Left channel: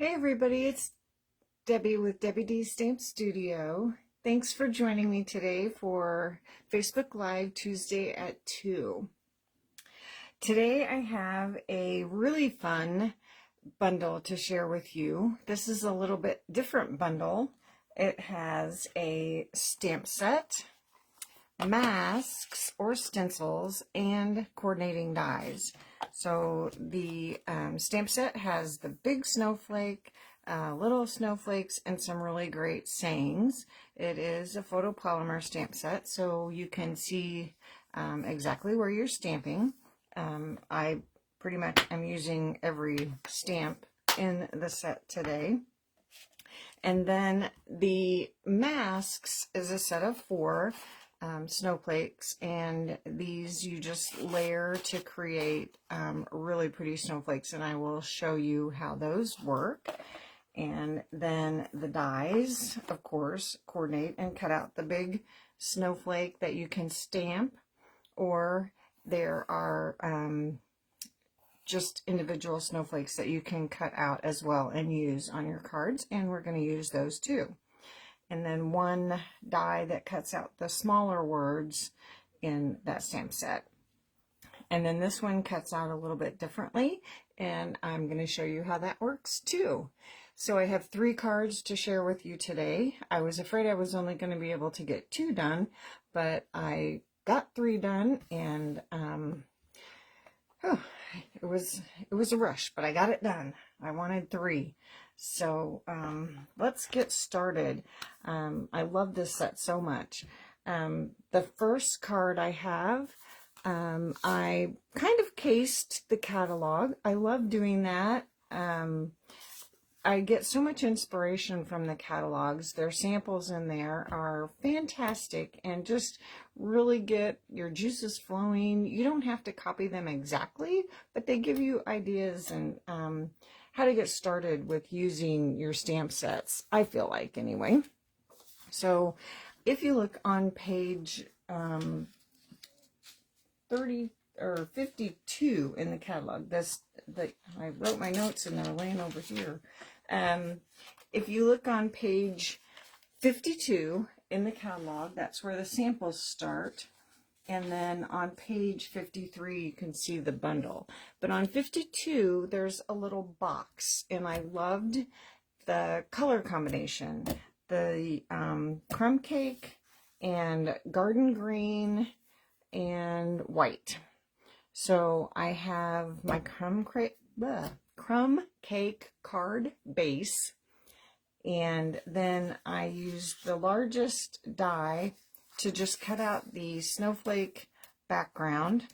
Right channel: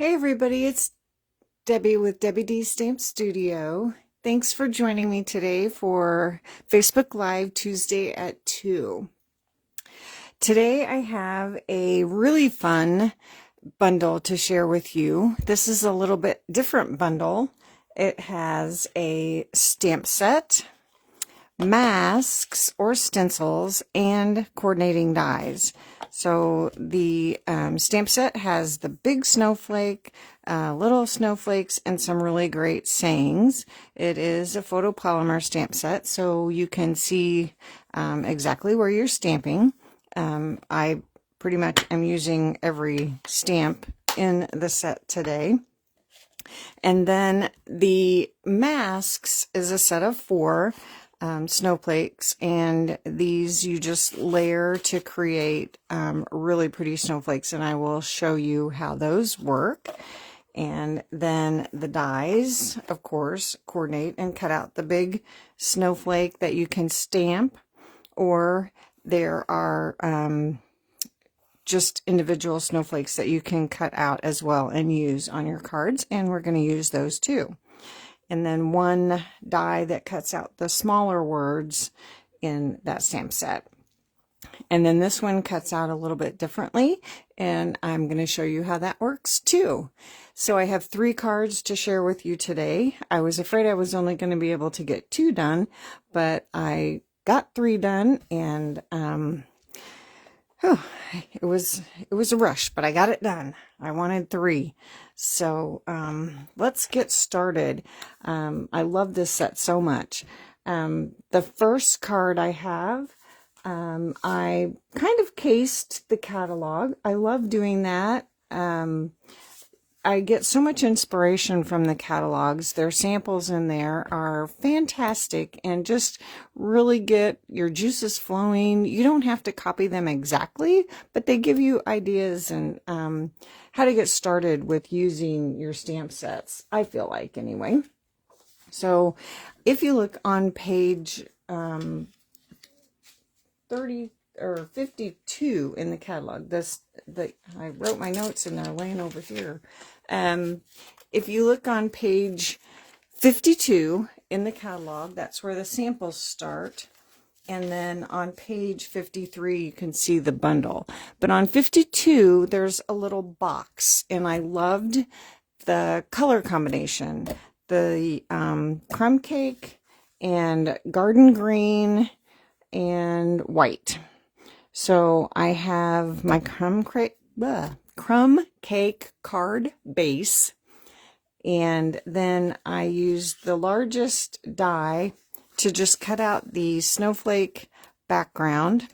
Hey everybody, it's Debbie with Debbie D Stamp Studio. Thanks for joining me today for Facebook Live Tuesday at 2. Today I have a really fun bundle to share with you. This is a little bit different bundle. It has a stamp set, masks or stencils, and coordinating dies. So the stamp set has the big snowflake, little snowflakes, and some really great sayings. It is a photopolymer stamp set, so you can see exactly where you're stamping. I pretty much am using every stamp in the set today. And then the masks is a set of 4 snowflakes, and these you just layer to create really pretty snowflakes, and I will show you how those work. And then the dies, of course, coordinate and cut out the big snowflake that you can stamp, or there are just individual snowflakes that you can cut out as well and use on your cards, and we're going to use those too. And then one die that cuts out the smaller words in that stamp set. And then this one cuts out a little bit differently, and I'm going to show you how that works too. So I have 3 cards to share with you today. I was afraid I was only going to be able to get 2 done, but I got 3 done, and it was a rush, but I got it done. I wanted 3. So let's get started. I love this set so much. The first card I have, I kind of cased the catalog. I love doing that. I get so much inspiration from the catalogs. Their samples in there are fantastic and just really get your juices flowing. You don't have to copy them exactly, but they give you ideas and how to get started with using your stamp sets, I feel like, anyway. So if you look on page 30 or 52 in the catalog, I wrote my notes and they're laying over here. If you look on page 52 in the catalog, that's where the samples start. And then on page 53, you can see the bundle. But on 52, there's a little box, and I loved the color combination. The crumb cake and garden green and white. So I have my crumb cake card base, and then I used the largest die to just cut out the snowflake background,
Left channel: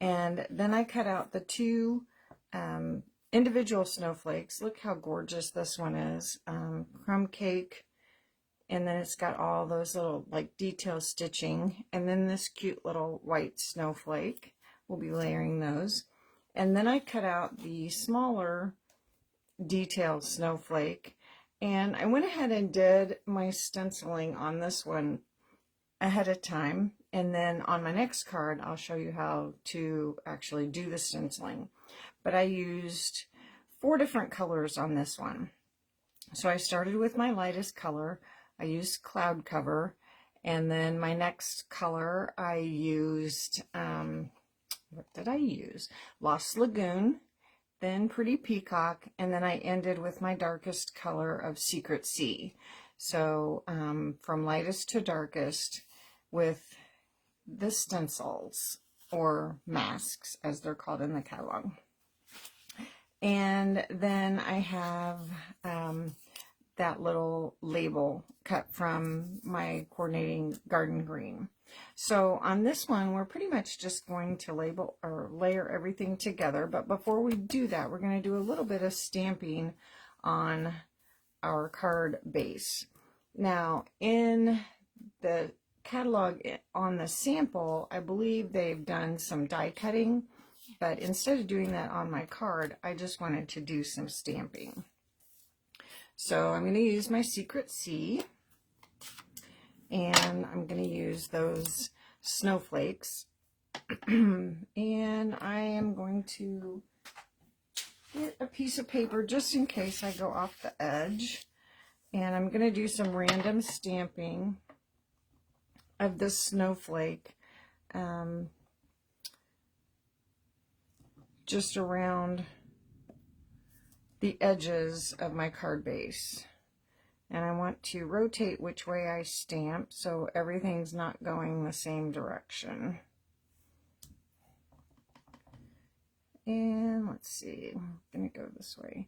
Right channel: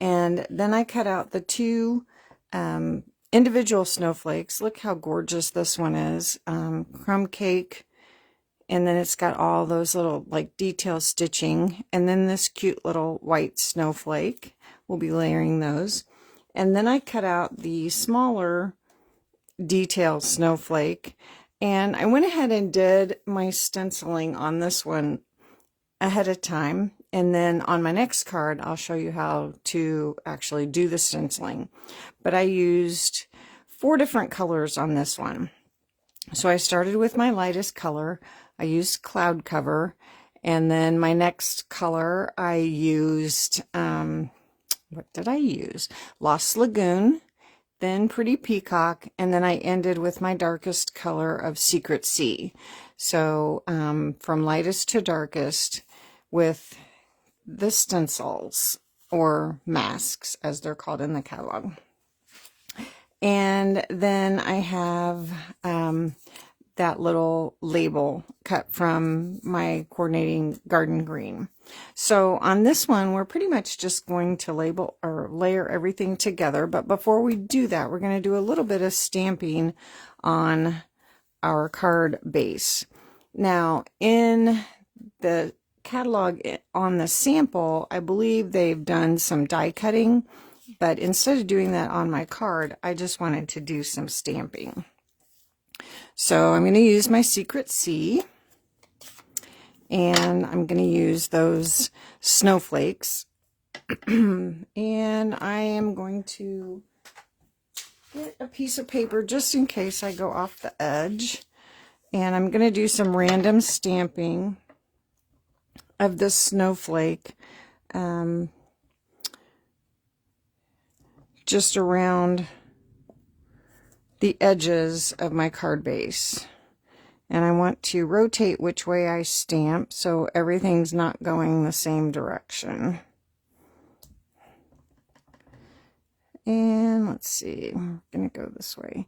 and then I cut out the 2 individual snowflakes. Look how gorgeous this one is, crumb cake, and then it's got all those little like detail stitching, and then this cute little white snowflake. We'll be layering those. And then I cut out the smaller detailed snowflake, and I went ahead and did my stenciling on this one ahead of time, and then on my next card I'll show you how to actually do the stenciling. But I used 4 different colors on this one. So I started with my lightest color. I used Cloud Cover, and then my next color I used what did I use? Lost Lagoon, then Pretty Peacock, and then I ended with my darkest color of Secret Sea. So from lightest to darkest with the stencils, or masks as they're called in the catalog. And then I have that little label cut from my coordinating garden green. So on this one, we're pretty much just going to label or layer everything together. But before we do that, we're going to do a little bit of stamping on our card base. Now, in the catalog on the sample, I believe they've done some die cutting, but instead of doing that on my card, I just wanted to do some stamping. So I'm going to use my Secret Sea, and I'm going to use those snowflakes, and I am going to get a piece of paper just in case I go off the edge. And I'm going to do some random stamping of this snowflake just around the edges of my card base. And I want to rotate which way I stamp so everything's not going the same direction. And let's see, I'm going to go this way.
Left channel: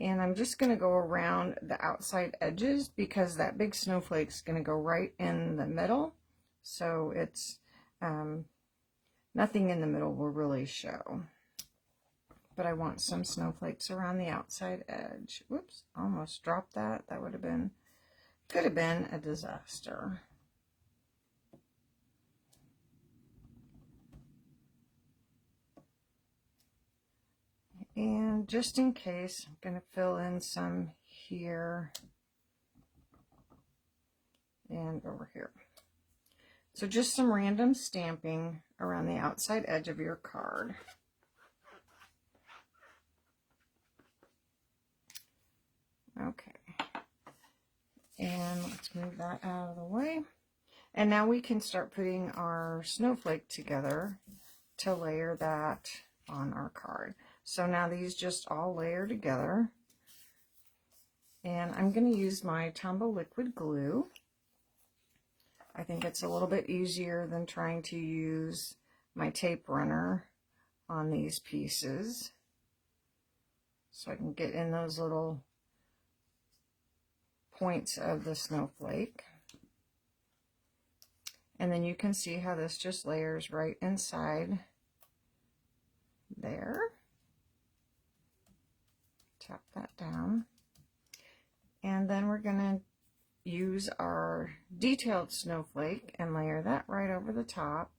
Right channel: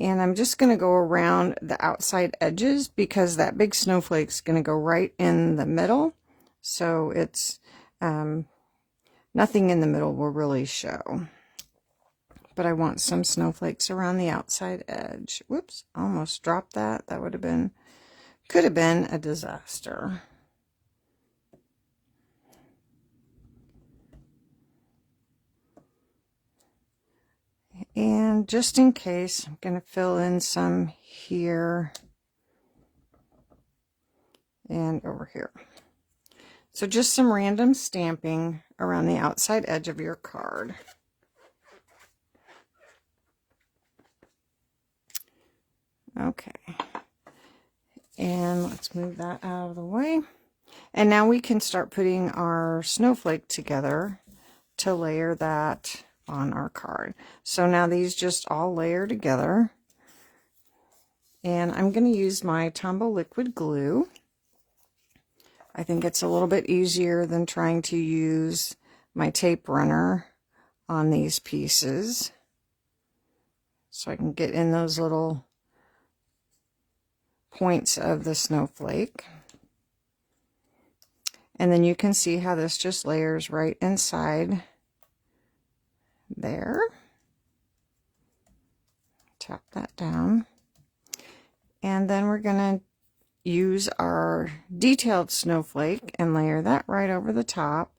And I'm just going to go around the outside edges because that big snowflake's going to go right in the middle. So it's nothing in the middle will really show. But I want some snowflakes around the outside edge. Whoops, almost dropped that. That would have been, could have been a disaster. And just in case, I'm going to fill in some here and over here. So just some random stamping around the outside edge of your card. Okay, and let's move that out of the way. And now we can start putting our snowflake together to layer that on our card. So now these just all layer together. And I'm going to use my Tombow liquid glue. I think it's a little bit easier than trying to use my tape runner on these pieces. So I can get in those little points of the snowflake. And then you can see how this just layers right inside there. Tap that down. And then we're going to use our detailed snowflake and layer that right over the top.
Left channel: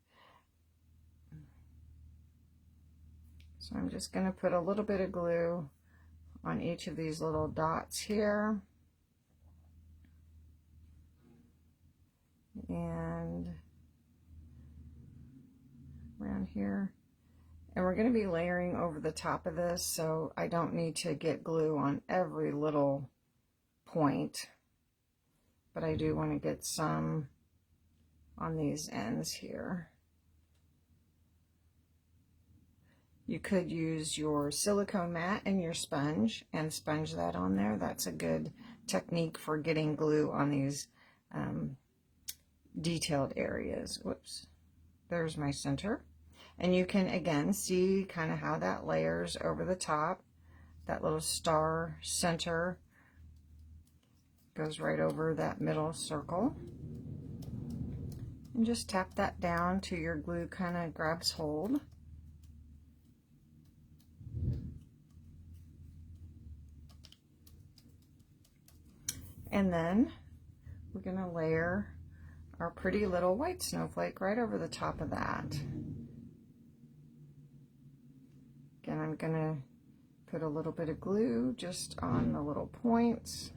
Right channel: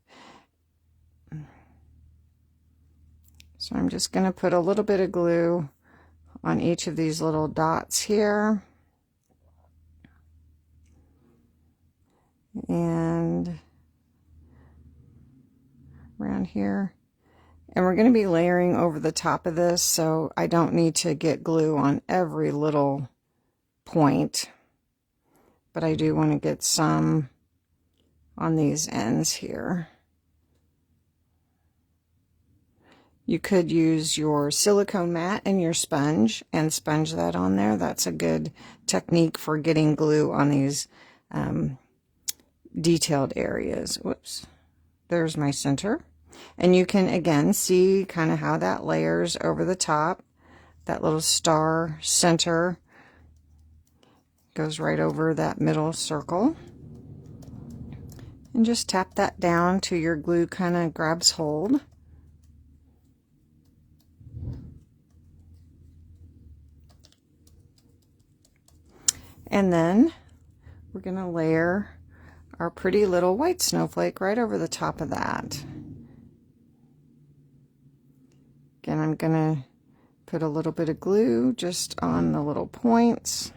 So I'm just going to put a little bit of glue on each of these little dots here. And around here. And we're going to be layering over the top of this, so I don't need to get glue on every little point. But I do want to get some on these ends here. You could use your silicone mat and your sponge and sponge that on there. That's a good technique for getting glue on these detailed areas. Whoops, there's my center. And you can again see kind of how that layers over the top. That little star center goes right over that middle circle. And just tap that down till your glue kind of grabs hold. And then we're going to layer our pretty little white snowflake right over the top of that. Again, I'm going to put a little bit of glue just on the little points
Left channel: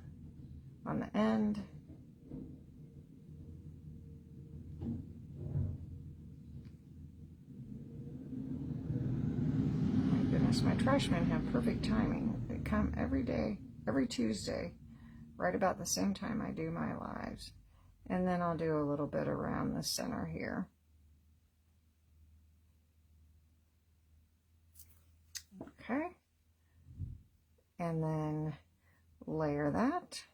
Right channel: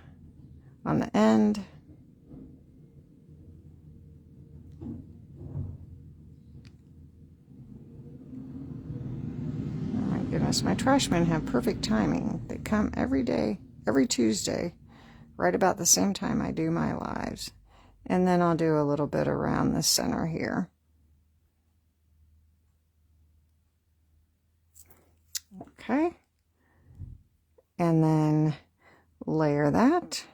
on the end. Oh my goodness, my trash men have perfect timing. They come every day, every Tuesday, right about the same time I do my lives. And then I'll do a little bit around the center here. Okay. And then layer that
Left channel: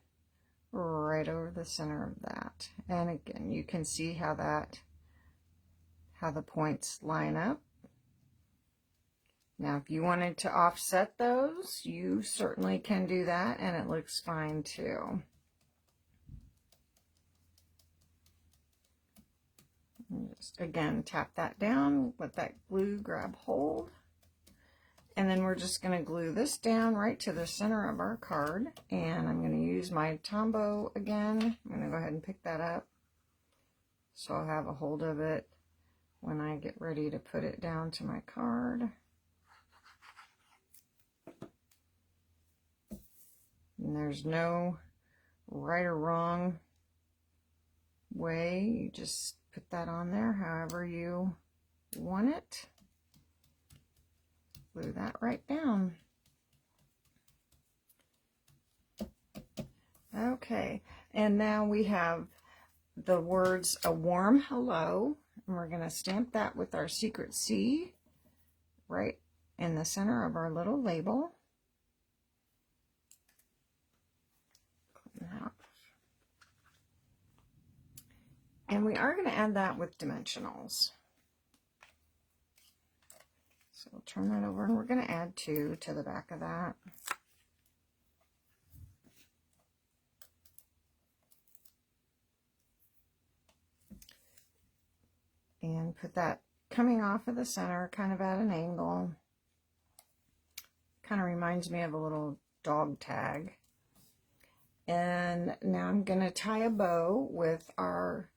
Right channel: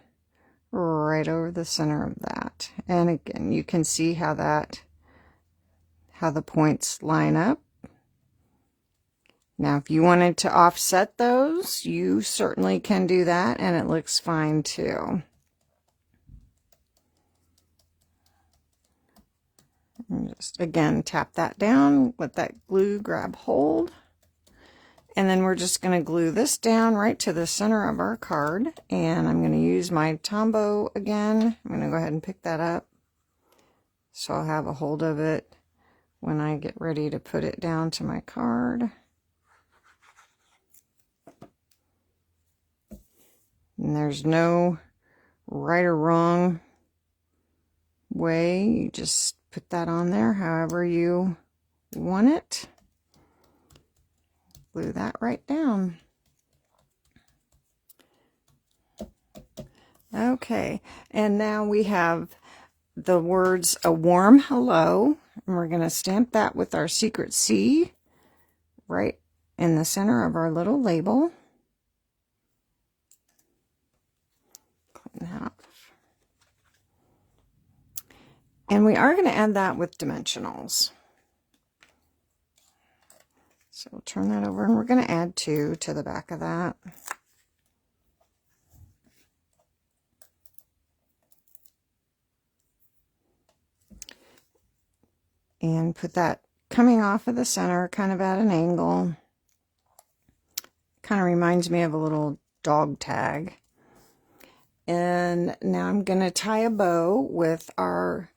right over the center of that. And again, you can see how the points line up. Now, if you wanted to offset those, you certainly can do that, and it looks fine too. And just again tap that down, let that glue grab hold. And then we're just going to glue this down right to the center of our card. And I'm going to use my Tombow again. I'm going to go ahead and pick that up so I'll have a hold of it when I get ready to put it down to my card. And there's no right or wrong way. You just put that on there however you want it. Glue that right down. Okay, and now we have the words "a warm hello," and we're going to stamp that with our secret C right in the center of our little label. Clean that up. And we are going to add that with dimensionals. So we'll turn that over, and we're going to add 2 to the back of that. And put that coming off of the center, kind of at an angle. Kind of reminds me of a little dog tag. And now I'm going to tie a bow with our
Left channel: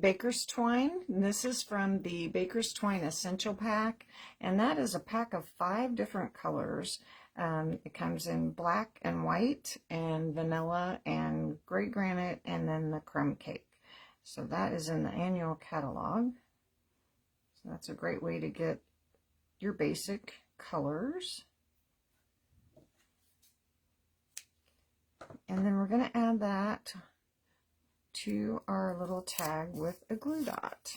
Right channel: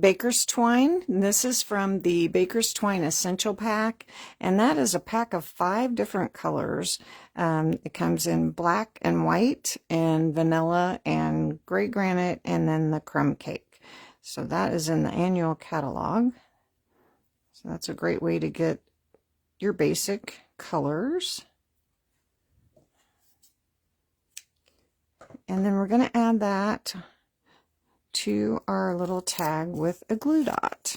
baker's twine. This is from the Baker's Twine Essential Pack, and that is a pack of 5 different colors. It comes in black and white and vanilla and gray granite, and then the crumb cake. So that is in the annual catalog. So that's a great way to get your basic colors. And then we're going to add that to our little tag with a glue dot.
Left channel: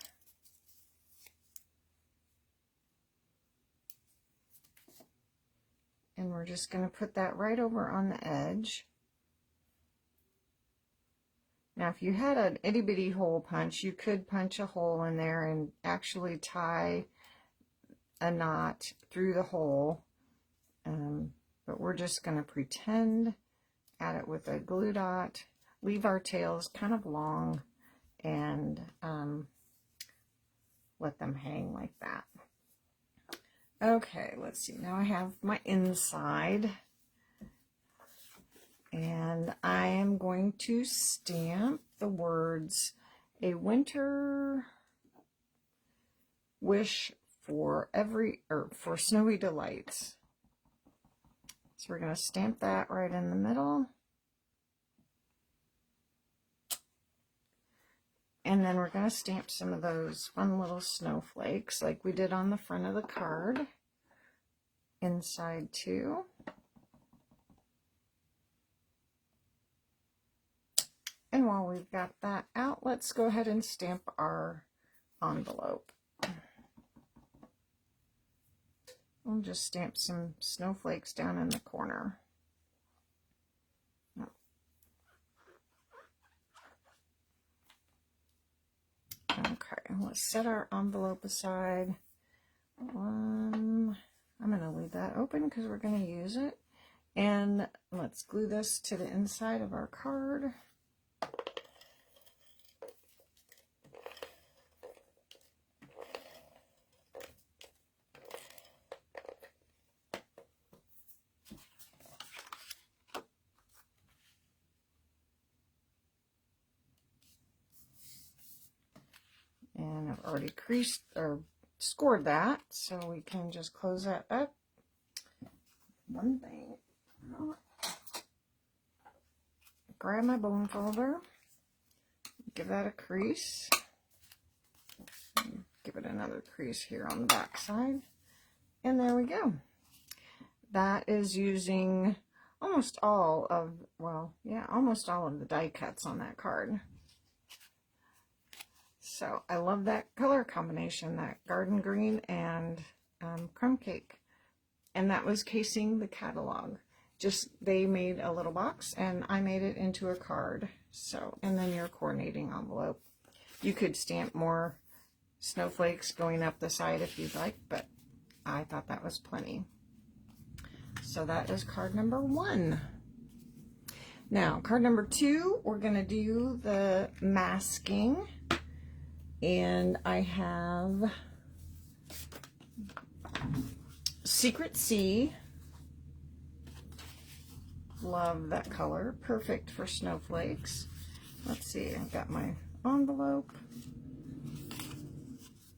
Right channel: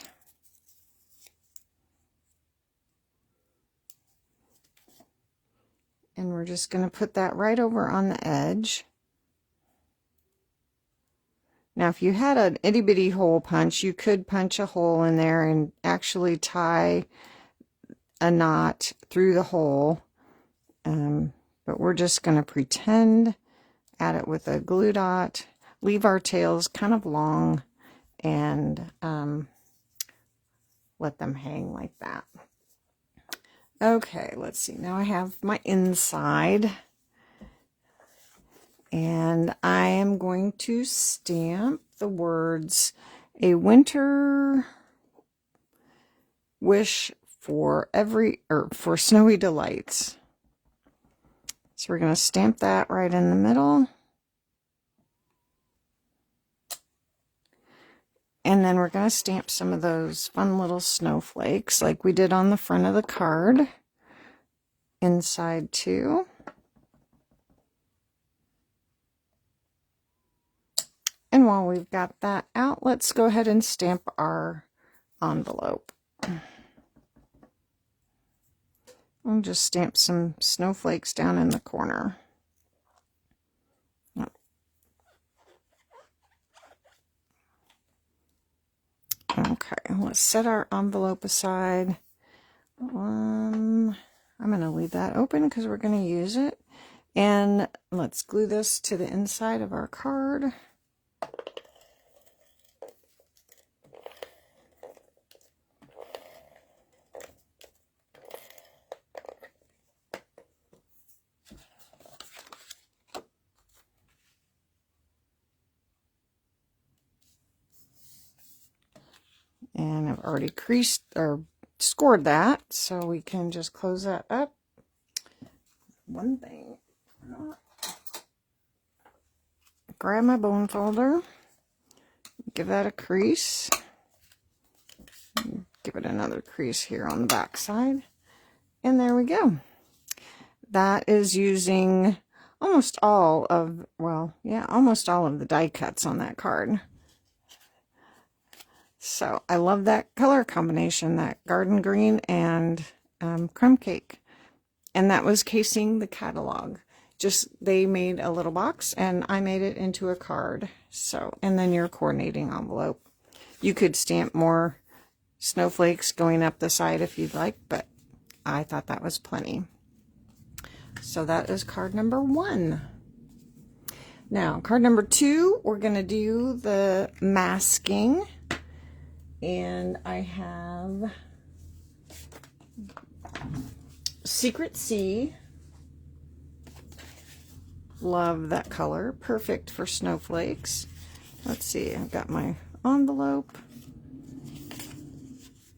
And we're just going to put that right over on the edge. Now, if you had an itty bitty hole punch, you could punch a hole in there and actually tie a knot through the hole. But we're just going to pretend, add it with a glue dot, leave our tails kind of long, and let them hang like that. Okay, let's see. Now I have my inside. And I am going to stamp the words "a winter wish for for snowy delights." So we're going to stamp that right in the middle. And then we're going to stamp some of those fun little snowflakes like we did on the front of the card. Inside too. And while we've got that out, let's go ahead and stamp our envelope. I'll just stamp some snowflakes down in the corner. Okay, let's set our envelope aside. I'm going to leave that open because we're going to use it. And let's glue this to the inside of our card. And I've already creased or scored that, so we can just close that up. One thing. Grab my bone folder, give that a crease, give it another crease here on the back side, and there we go. That is using almost all of, well, yeah, almost all of the die cuts on that card. So I love that color combination, that garden green and crumb cake. And that was casing the catalog. Just, they made a little box and I made it into a card. So, and then your coordinating envelope. You could stamp more snowflakes going up the side if you'd like, but I thought that was plenty. So that is card number 1. Now, card number 2, we're going to do the masking. And I have Secret C. Love that color. Perfect for snowflakes. Let's see, I've got my envelope.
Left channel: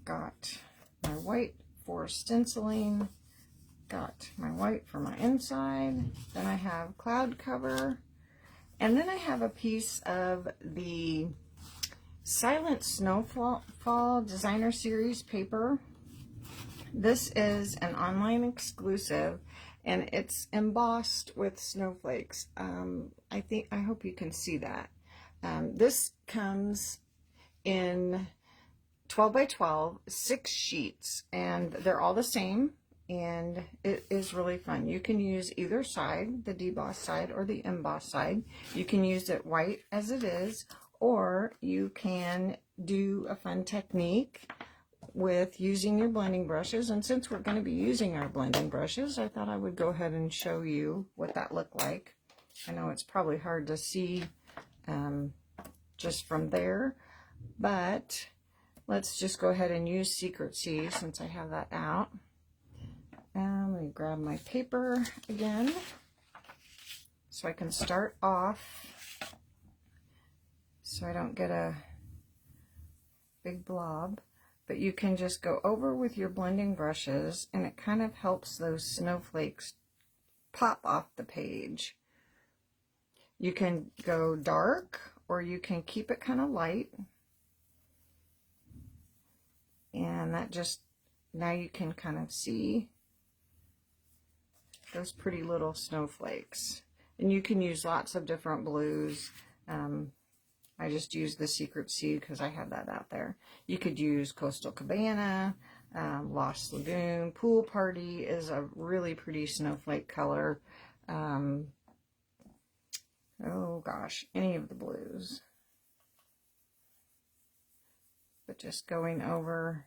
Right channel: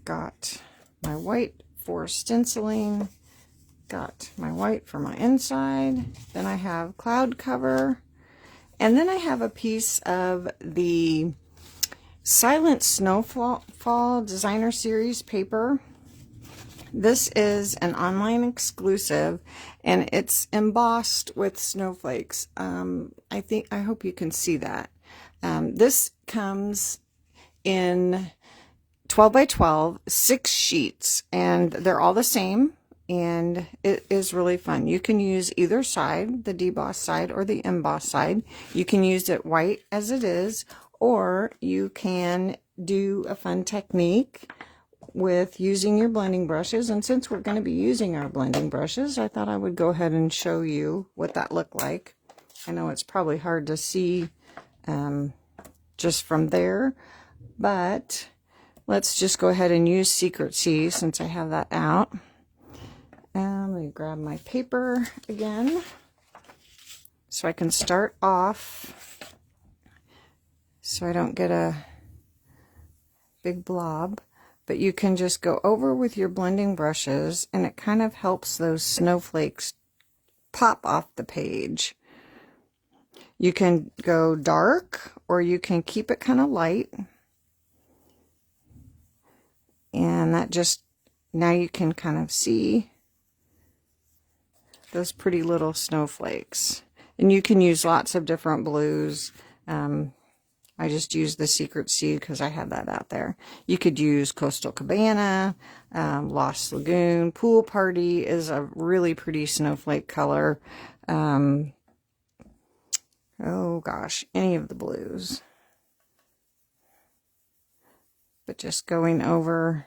Got my white for stenciling. Got my white for my inside. Then I have cloud cover. And then I have a piece of the Silent Snowfall Designer Series paper. this is an online exclusive, and it's embossed with snowflakes. I hope you can see that. This comes in 12 by 12, 6 sheets, and they're all the same, and it is really fun. You can use either side, the deboss side or the emboss side. You can use it white as it is, or you can do a fun technique with using your blending brushes. And since we're going to be using our blending brushes, I thought I would go ahead and show you what that looked like. I know it's probably hard to see just from there, but let's just go ahead and use Secret C since I have that out. And let me grab my paper again so I can start off so I don't get a big blob. But you can just go over with your blending brushes, and it kind of helps those snowflakes pop off the page. You can go dark, or you can keep it kind of light. And that just, now you can kind of see those pretty little snowflakes. And you can use lots of different blues. I just used the Secret C because I have that out there. You could use Coastal Cabana, Lost Lagoon. Pool Party is a really pretty snowflake color. Oh gosh, any of the blues. But just going over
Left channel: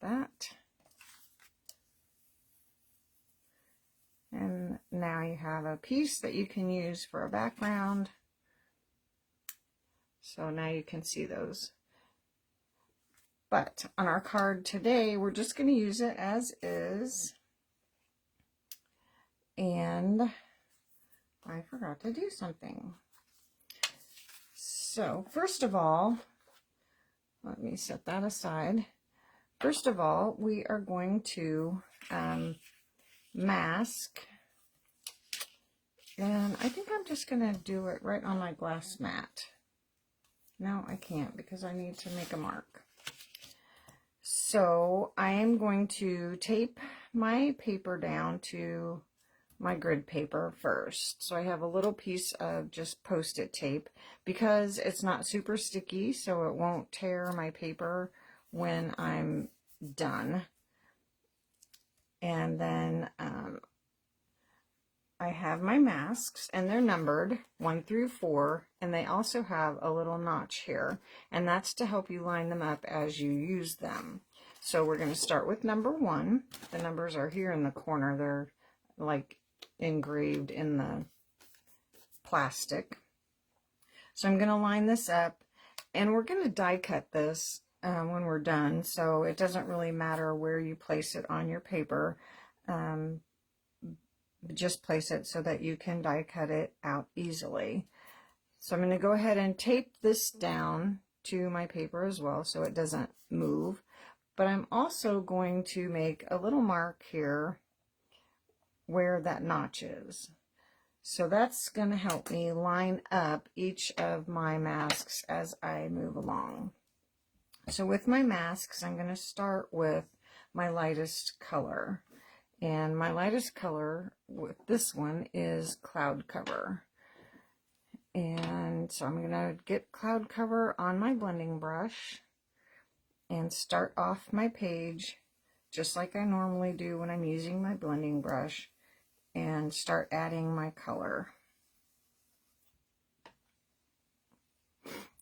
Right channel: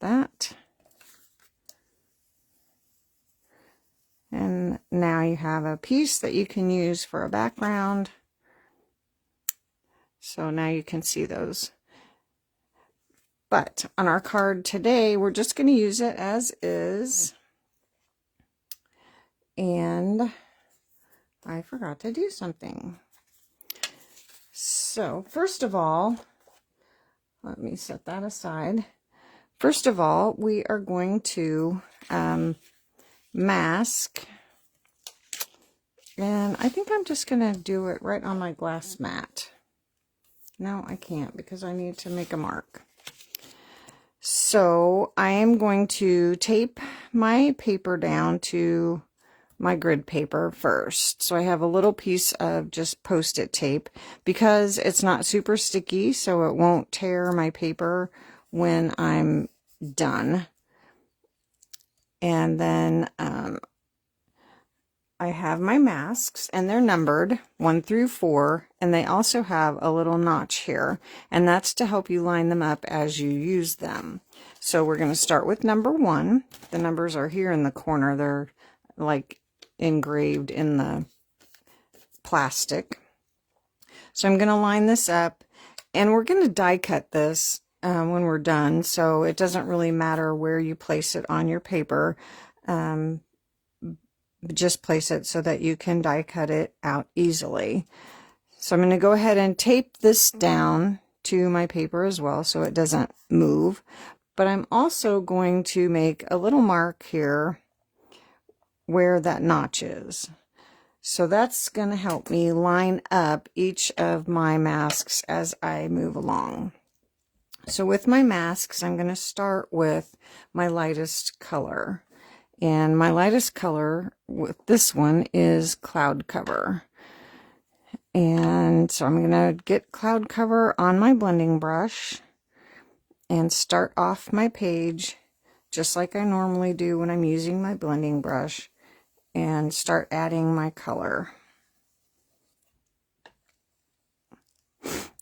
that. And now you have a piece that you can use for a background. So now you can see those. But on our card today, we're just going to use it as is. And I forgot to do something. So first of all, let me set that aside. First of all, we are going to mask. And I think I'm just going to do it right on my glass mat. No, I can't because I need to make a mark. So I am going to tape my paper down to my grid paper first. So I have a little piece of just Post-it tape because it's not super sticky, so it won't tear my paper when I'm done. And then I have my masks, and they're numbered 1 through 4, and they also have a little notch here, and that's to help you line them up as you use them. So we're going to start with number 1. The numbers are here in the corner. They're like engraved in the plastic. So I'm going to line this up, and we're going to die cut this when we're done, so it doesn't really matter where you place it on your paper. Just place it so that you can die cut it out easily. So I'm going to go ahead and tape this down to my paper as well so it doesn't move. But I'm also going to make a little mark here where that notch is. So that's going to help me line up each of my masks as I move along. So with my masks, I'm going to start with my lightest color. And my lightest color with this one is Cloud Cover. And so I'm going to get Cloud Cover on my blending brush and start off my page just like I normally do when I'm using my blending brush, and start adding my color.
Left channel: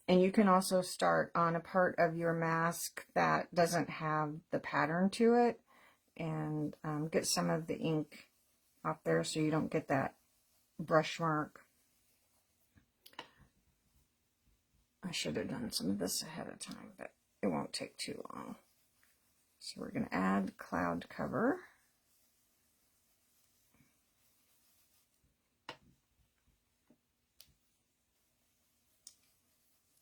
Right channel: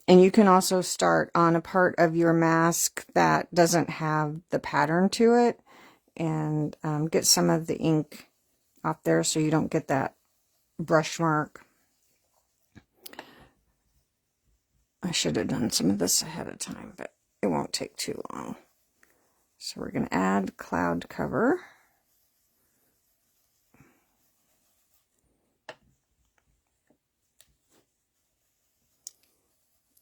And you can also start on a part of your mask that doesn't have the pattern to it, and get some of the ink off there so you don't get that brush mark. I should have done some of this ahead of time, but it won't take too long. So we're going to add Cloud Cover.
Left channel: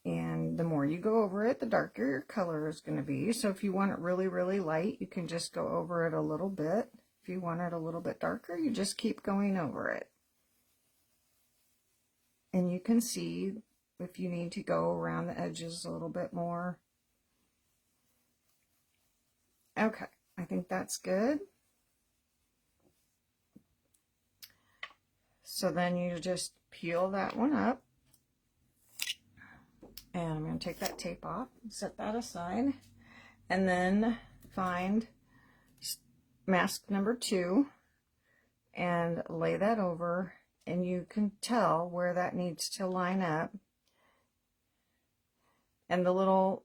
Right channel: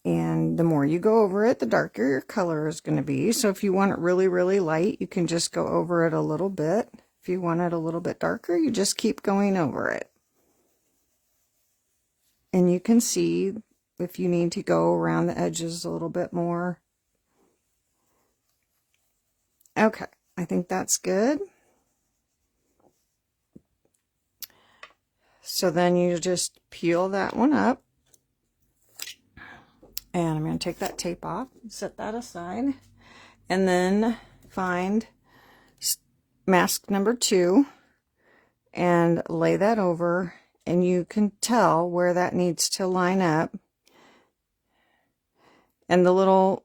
And the more you go over it, the darker your color is going to be. So if you want it really, really light, you can just go over it a little bit. If you want it a little bit darker, you just keep going over it. And you can see if you need to go around the edges a little bit more. Okay, I think that's good. So then you just peel that one up. And I'm going to take that tape off, set that aside, and then find mask number 2 and lay that over, and you can tell where that needs to line up. And the little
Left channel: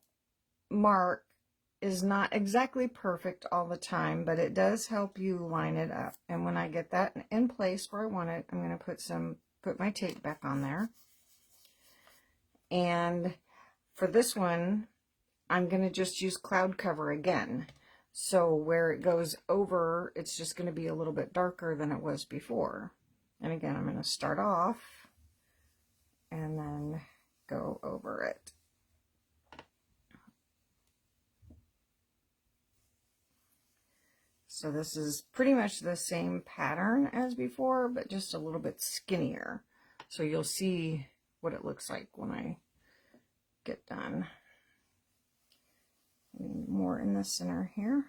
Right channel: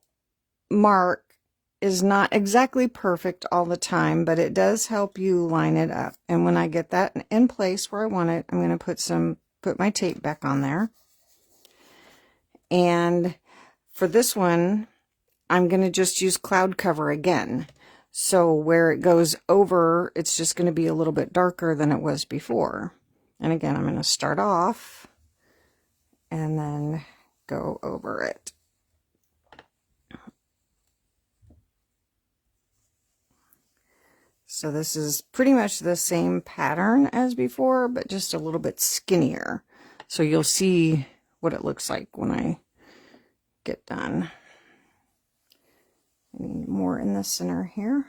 mark is not exactly perfect all the time, but it does help you line it up. And when I get that in place where I want it, I'm going to put my tape back on there. And for this one, I'm going to just use cloud cover again. So where it goes over, it's just going to be a little bit darker than it was before. And again, I'm going to start off and then go over it. So this is pretty much the same pattern as before, but just a little bit skinnier. So you'll see what it looks like when I get done. I need more in the center here.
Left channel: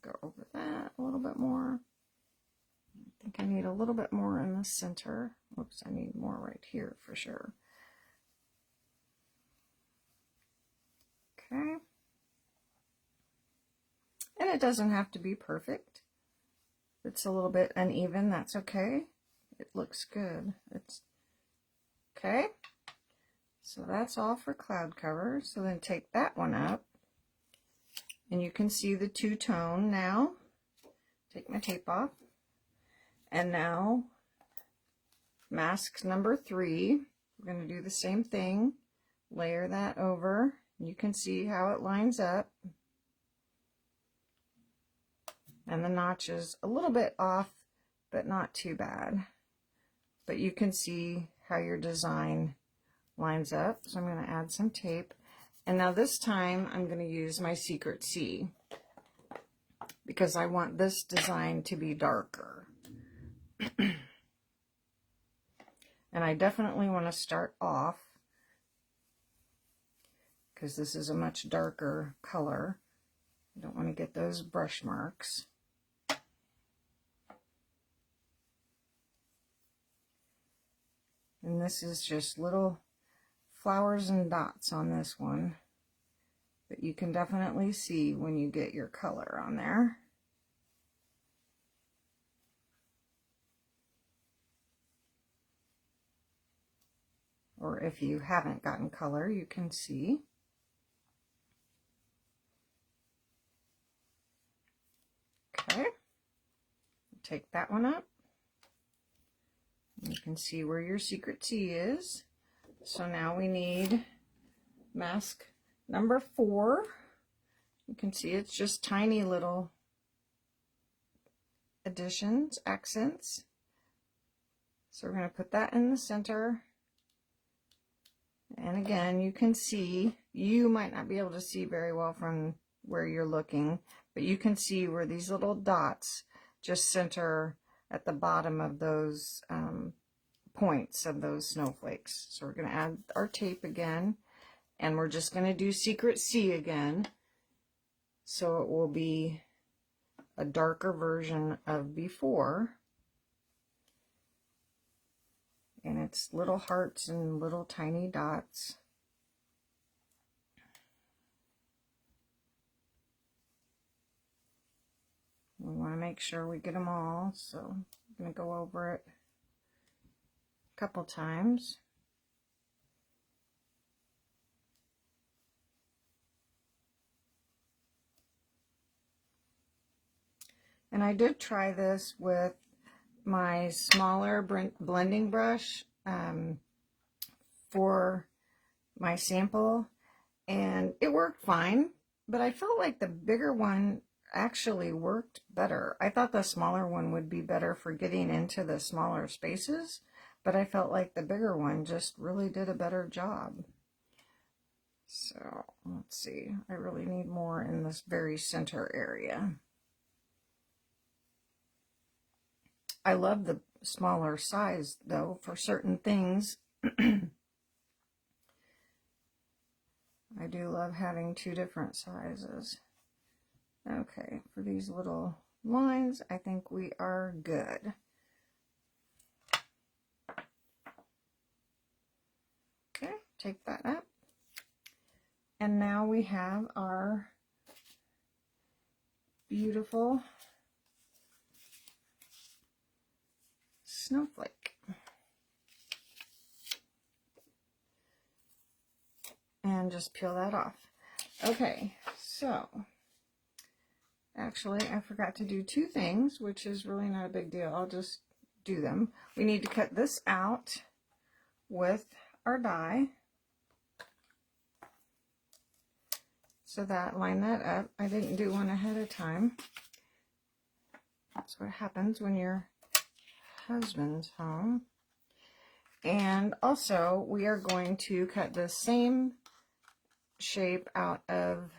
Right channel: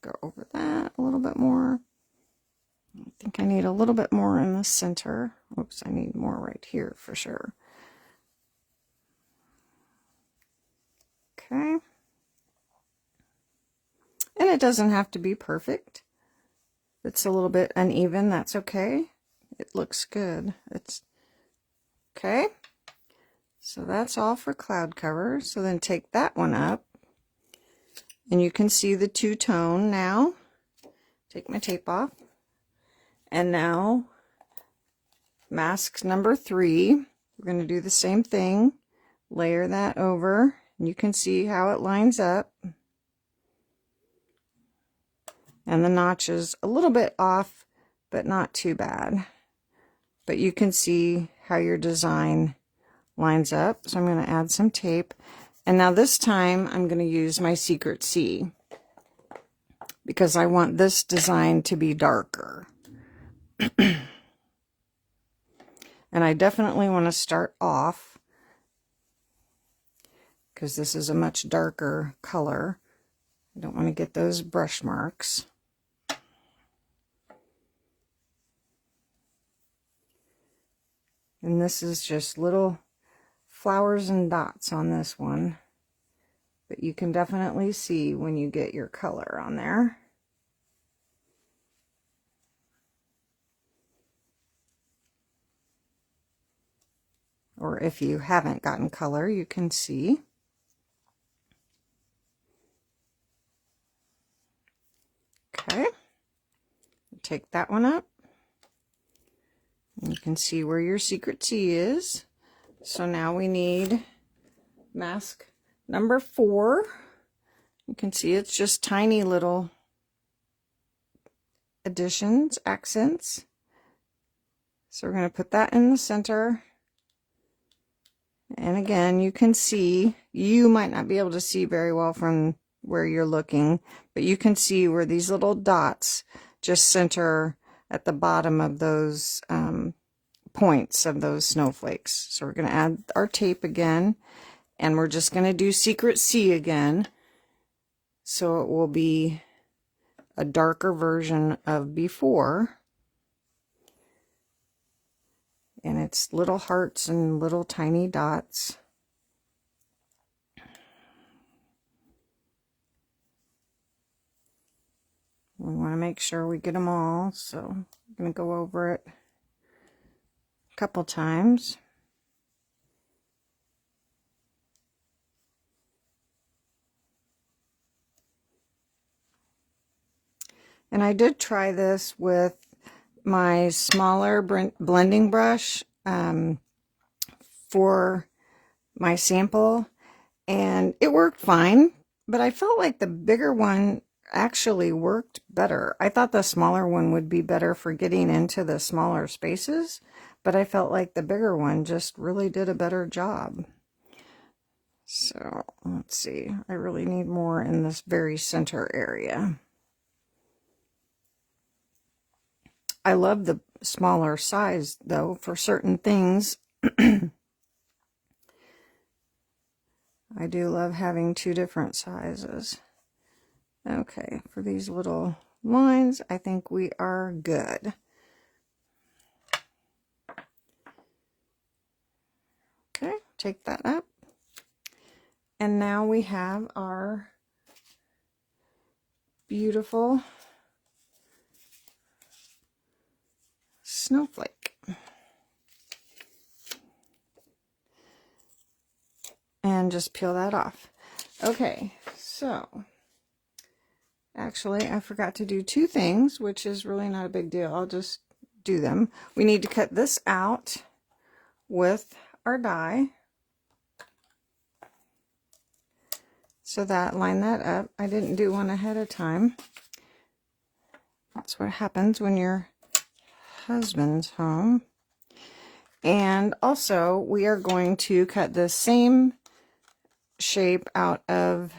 Go over that a little bit more. I think I need a little bit more in the center. Oops, I need more right here for sure. Okay. And it doesn't have to be perfect. If it's a little bit uneven, that's okay. It looks good. It's okay. So that's all for cloud cover. So then take that one up, and you can see the two-tone now. Take my tape off. And now mask number 3. We're going to do the same thing. Layer that over. You can see how it lines up. And the notch is a little bit off, but not too bad. But you can see how your design lines up. So I'm going to add some tape. And now this time I'm going to use my Secret C, because I want this design to be darker. And I definitely want to start off, because this is a much darker color. I don't want to get those brush marks. And this is just little flowers and dots on this one. But you can definitely see when you get your color on there. Or if you haven't gotten color, you can see. Okay. Take that one up. You can see where your Secret C is. So now we need mask number 4. You can see it's just tiny little additions, accents. So we're going to put that in the center. And again, you can see, you might not be able to see very well from where you're looking, but you can see where these little dots just center at the bottom of those points of those snowflakes. So we're going to add our tape again, and we're just going to do Secret C again. So it will be a darker version of before. And it's little hearts and little tiny dots. We want to make sure we get them all, so I'm going to go over it a couple times. And I did try this with my smaller blending brush for my sample, and it worked fine, but I felt like the bigger one actually worked better. I thought the smaller one would be better for getting into the smaller spaces, but I felt like the bigger one just really did a better job. So let's see, I really need more in this very center area. I love the smaller size though for certain things. I do love having two different sizes. Okay, for these little lines, I think we are good. Okay, take that up. And now we have our beautiful snowflake. And just peel that off. Okay, so actually I forgot to do two things, which is really not a big deal. I'll just do them. We need to cut this out with our die. So that, line that up. I didn't do one ahead of time. That's what happens when your husband's home. And also we are going to cut the same shape out of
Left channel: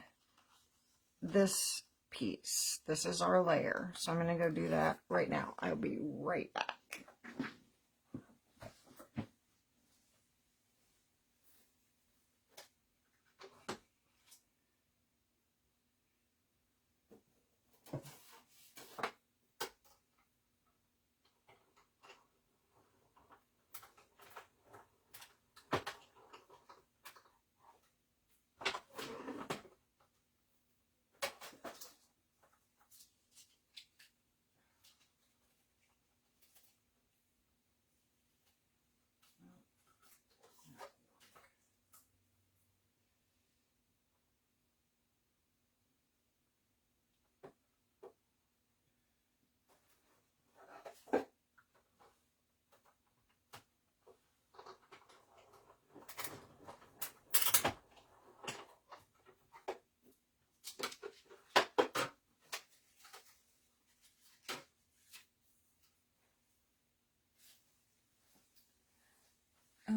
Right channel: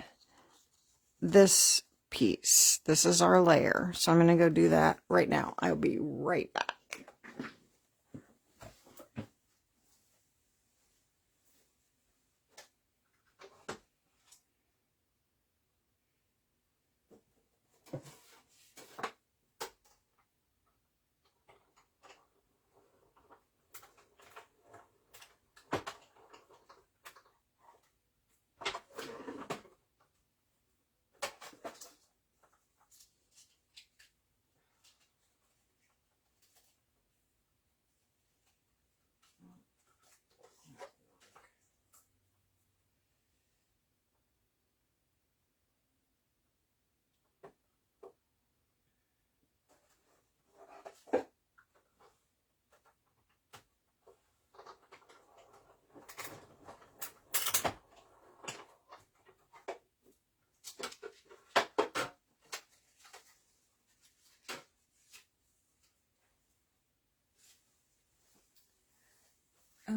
this piece. This is our layer. So I'm going to go do that right now. I'll be right back.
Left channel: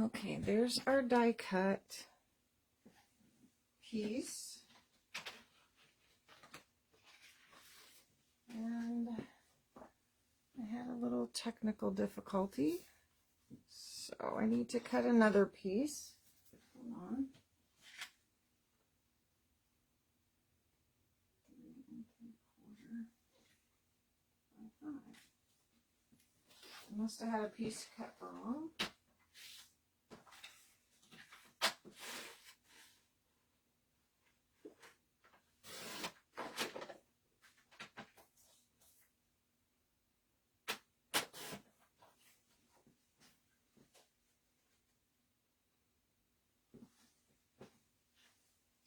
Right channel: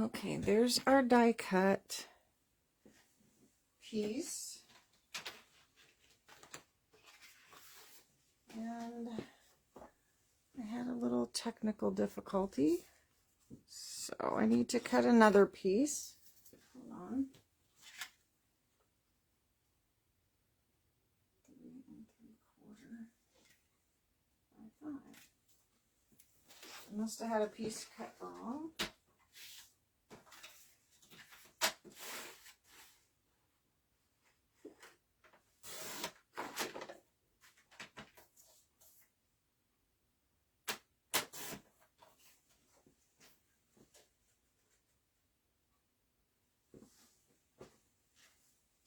Okay, there's our die cut piece. And I had a little technical difficulty. So I need to cut another piece. Hold on. 3 3/4 by 5. I must have had a piece cut wrong.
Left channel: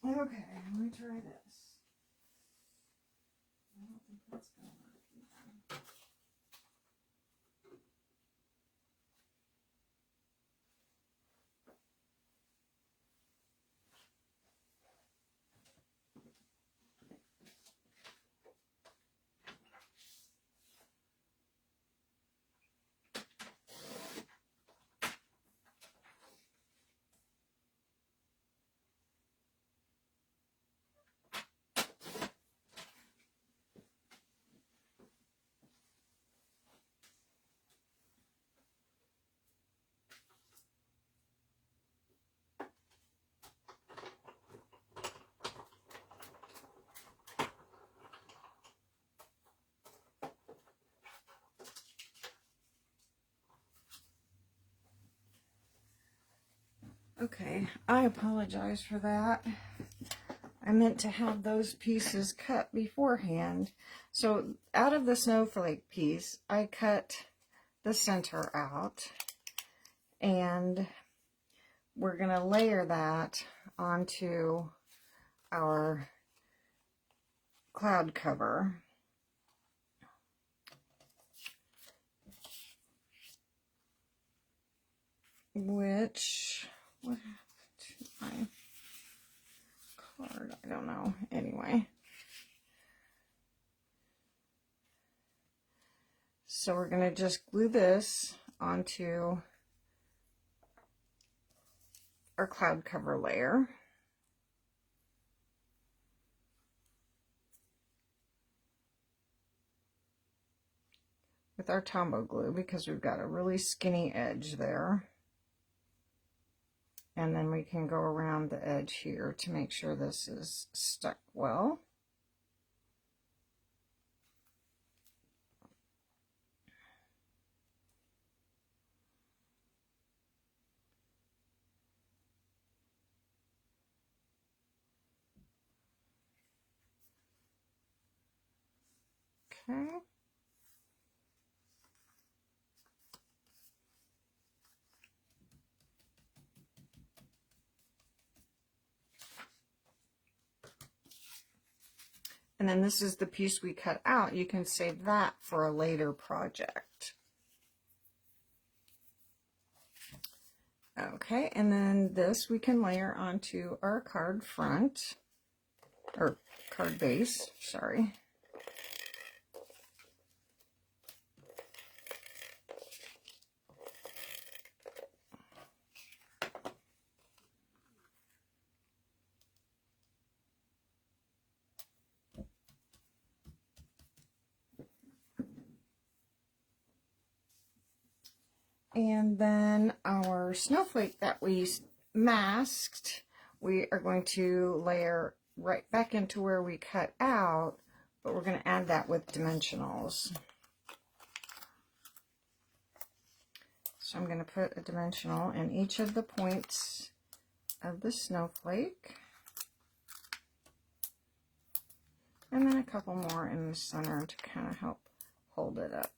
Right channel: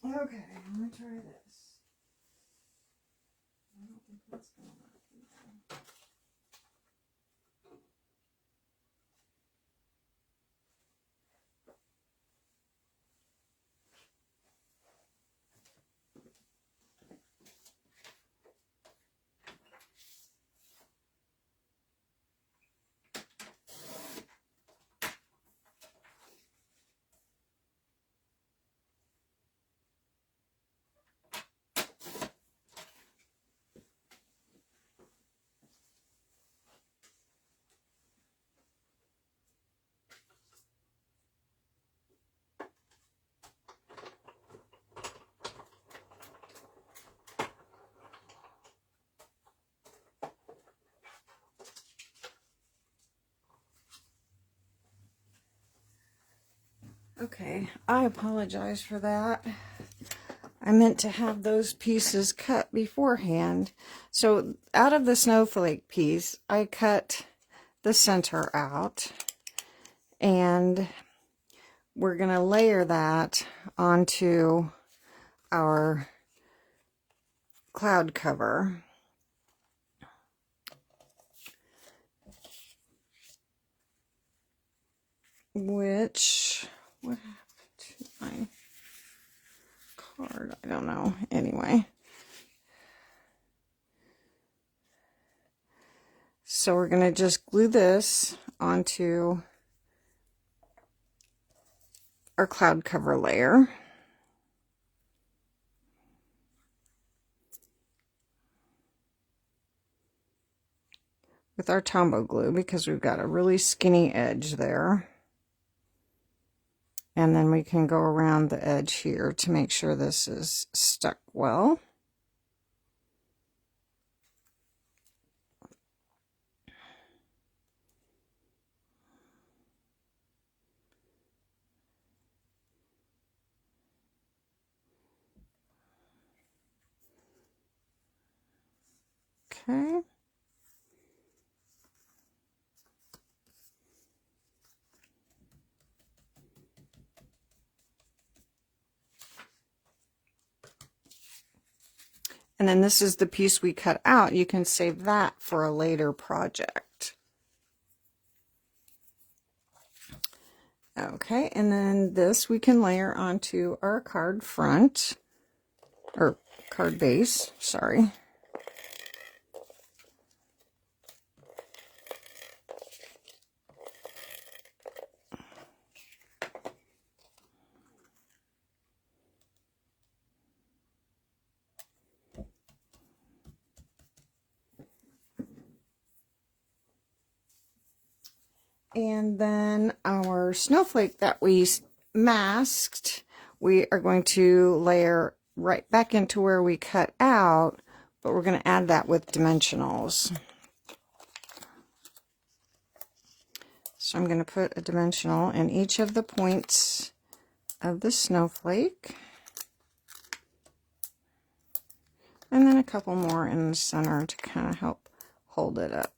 Okay, let me try this. I don't think that's going to work either. Okay, I apologize for that. I meant to have those pieces cut beforehand. So out of the snowflake piece, I cut the center out, and we're going to layer that onto our cloud cover. Which, what happened to my card? I don't know. Anyway. So we're going to just glue this onto our cloud cover layer. With our Tombow glue, because we've got a really skinny edge there. And then we can go around the edge here to make sure this is stuck well. Okay. And then this is the piece we cut out. You can save that for a later project. Okay, and then this we can layer onto our card front, or card base, sorry. And then our snowflake that we masked, we are going to layer right back into where we cut out, but we're going to add that with dimensionals. So I'm going to put a dimensional in each of the points of the snowflake. And then a couple more in the center to kind of help hold it up.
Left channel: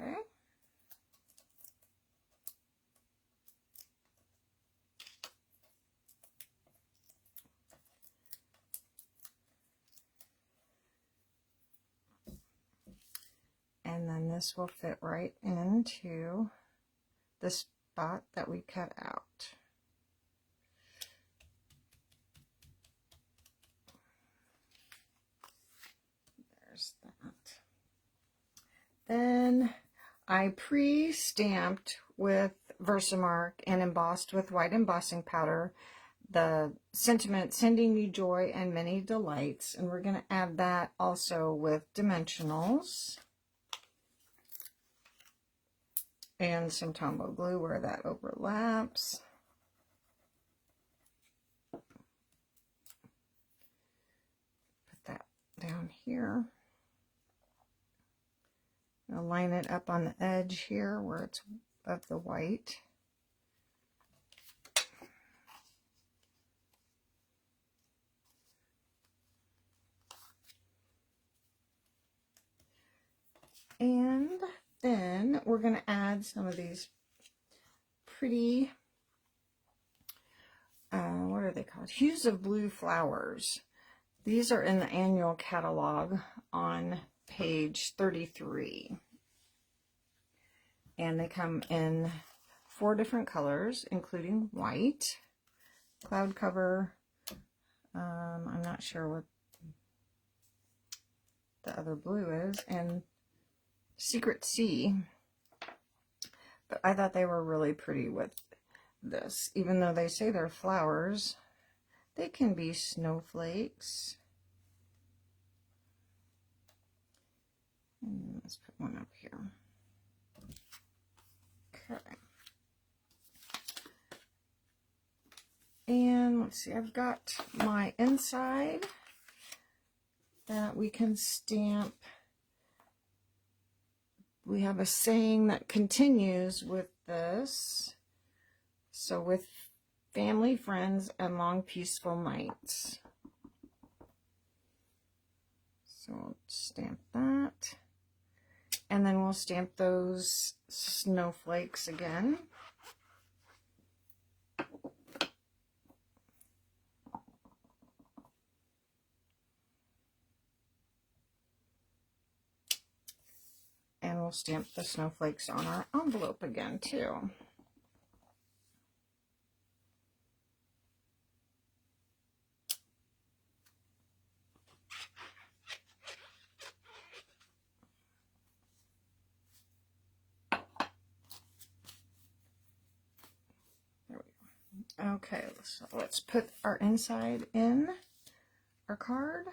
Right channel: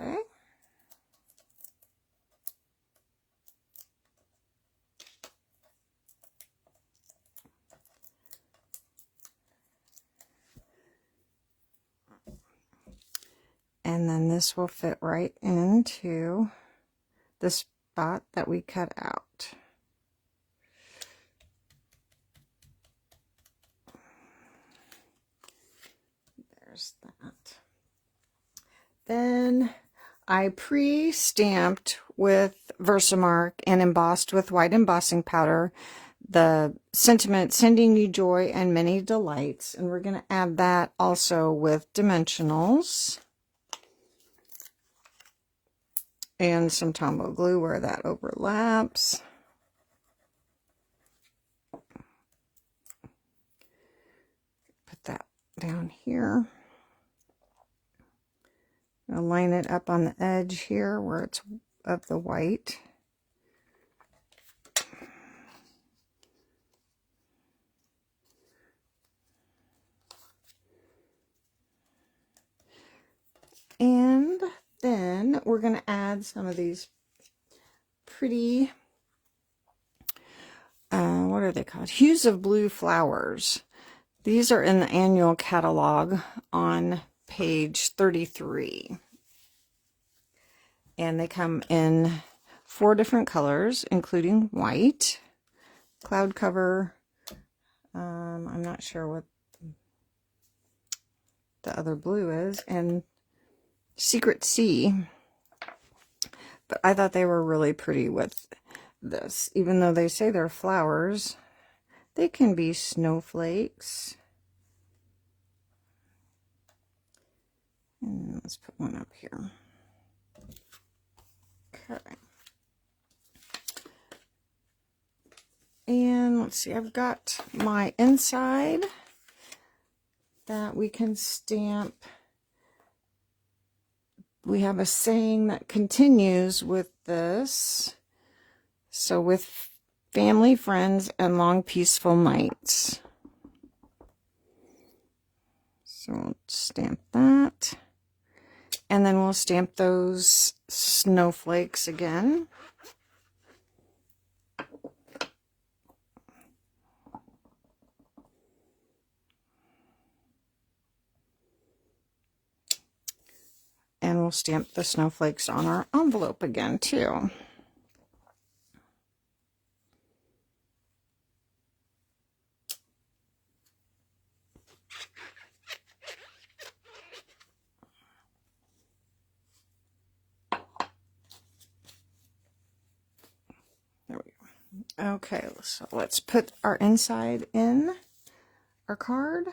Okay. And then this will fit right into the spot that we cut out. There's that. Then I pre-stamped with Versamark and embossed with white embossing powder the sentiment, sending you joy and many delights. And we're going to add that also with dimensionals. And some Tombow glue where that overlaps. Put that down here. I'll line it up on the edge here where it's of the white. And then we're going to add some of these pretty, what are they called? Hues of Blue flowers. These are in the annual catalog on page 33. And they come in 4 different colors, including white, cloud cover, I'm not sure what the other blue is, and Secret Sea. But I thought they were really pretty with this. Even though they say they're flowers, they can be snowflakes. And let's put one up here. Okay. And let's see, I've got my inside that we can stamp. We have a saying that continues with this. So with family, friends, and long peaceful nights. So we'll stamp that. And then we'll stamp those snowflakes again. And we'll stamp the snowflakes on our envelope again too. There we go. Okay, so let's put our inside in our card.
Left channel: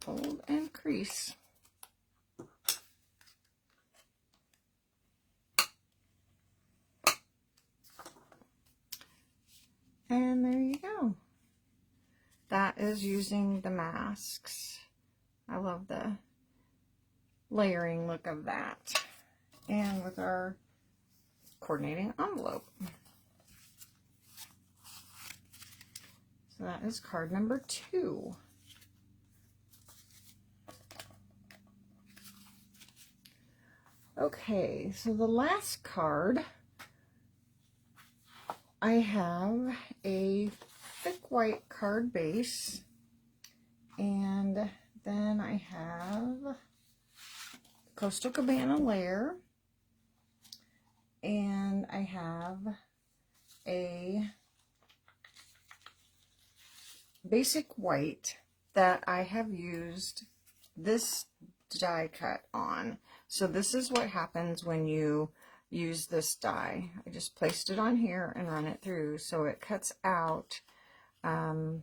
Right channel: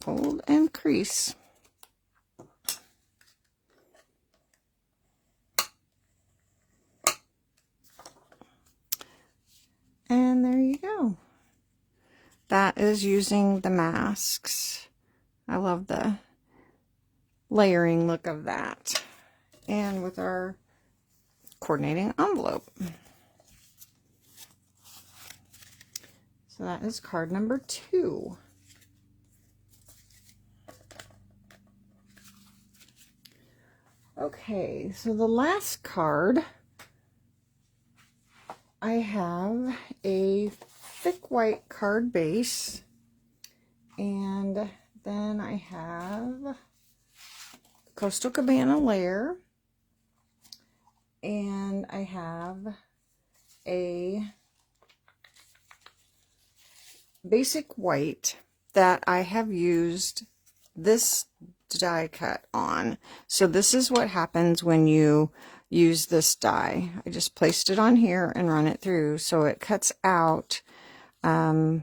fold and crease. And there you go. That is using the masks. I love the layering look of that. And with our coordinating envelope. So that is card number 2. Okay, so the last card, I have a thick white card base, and then I have Coastal Cabana layer, and I have a basic white that I have used this die cut on. So this is what happens when you use this die. I just placed it on here and run it through, so it cuts out the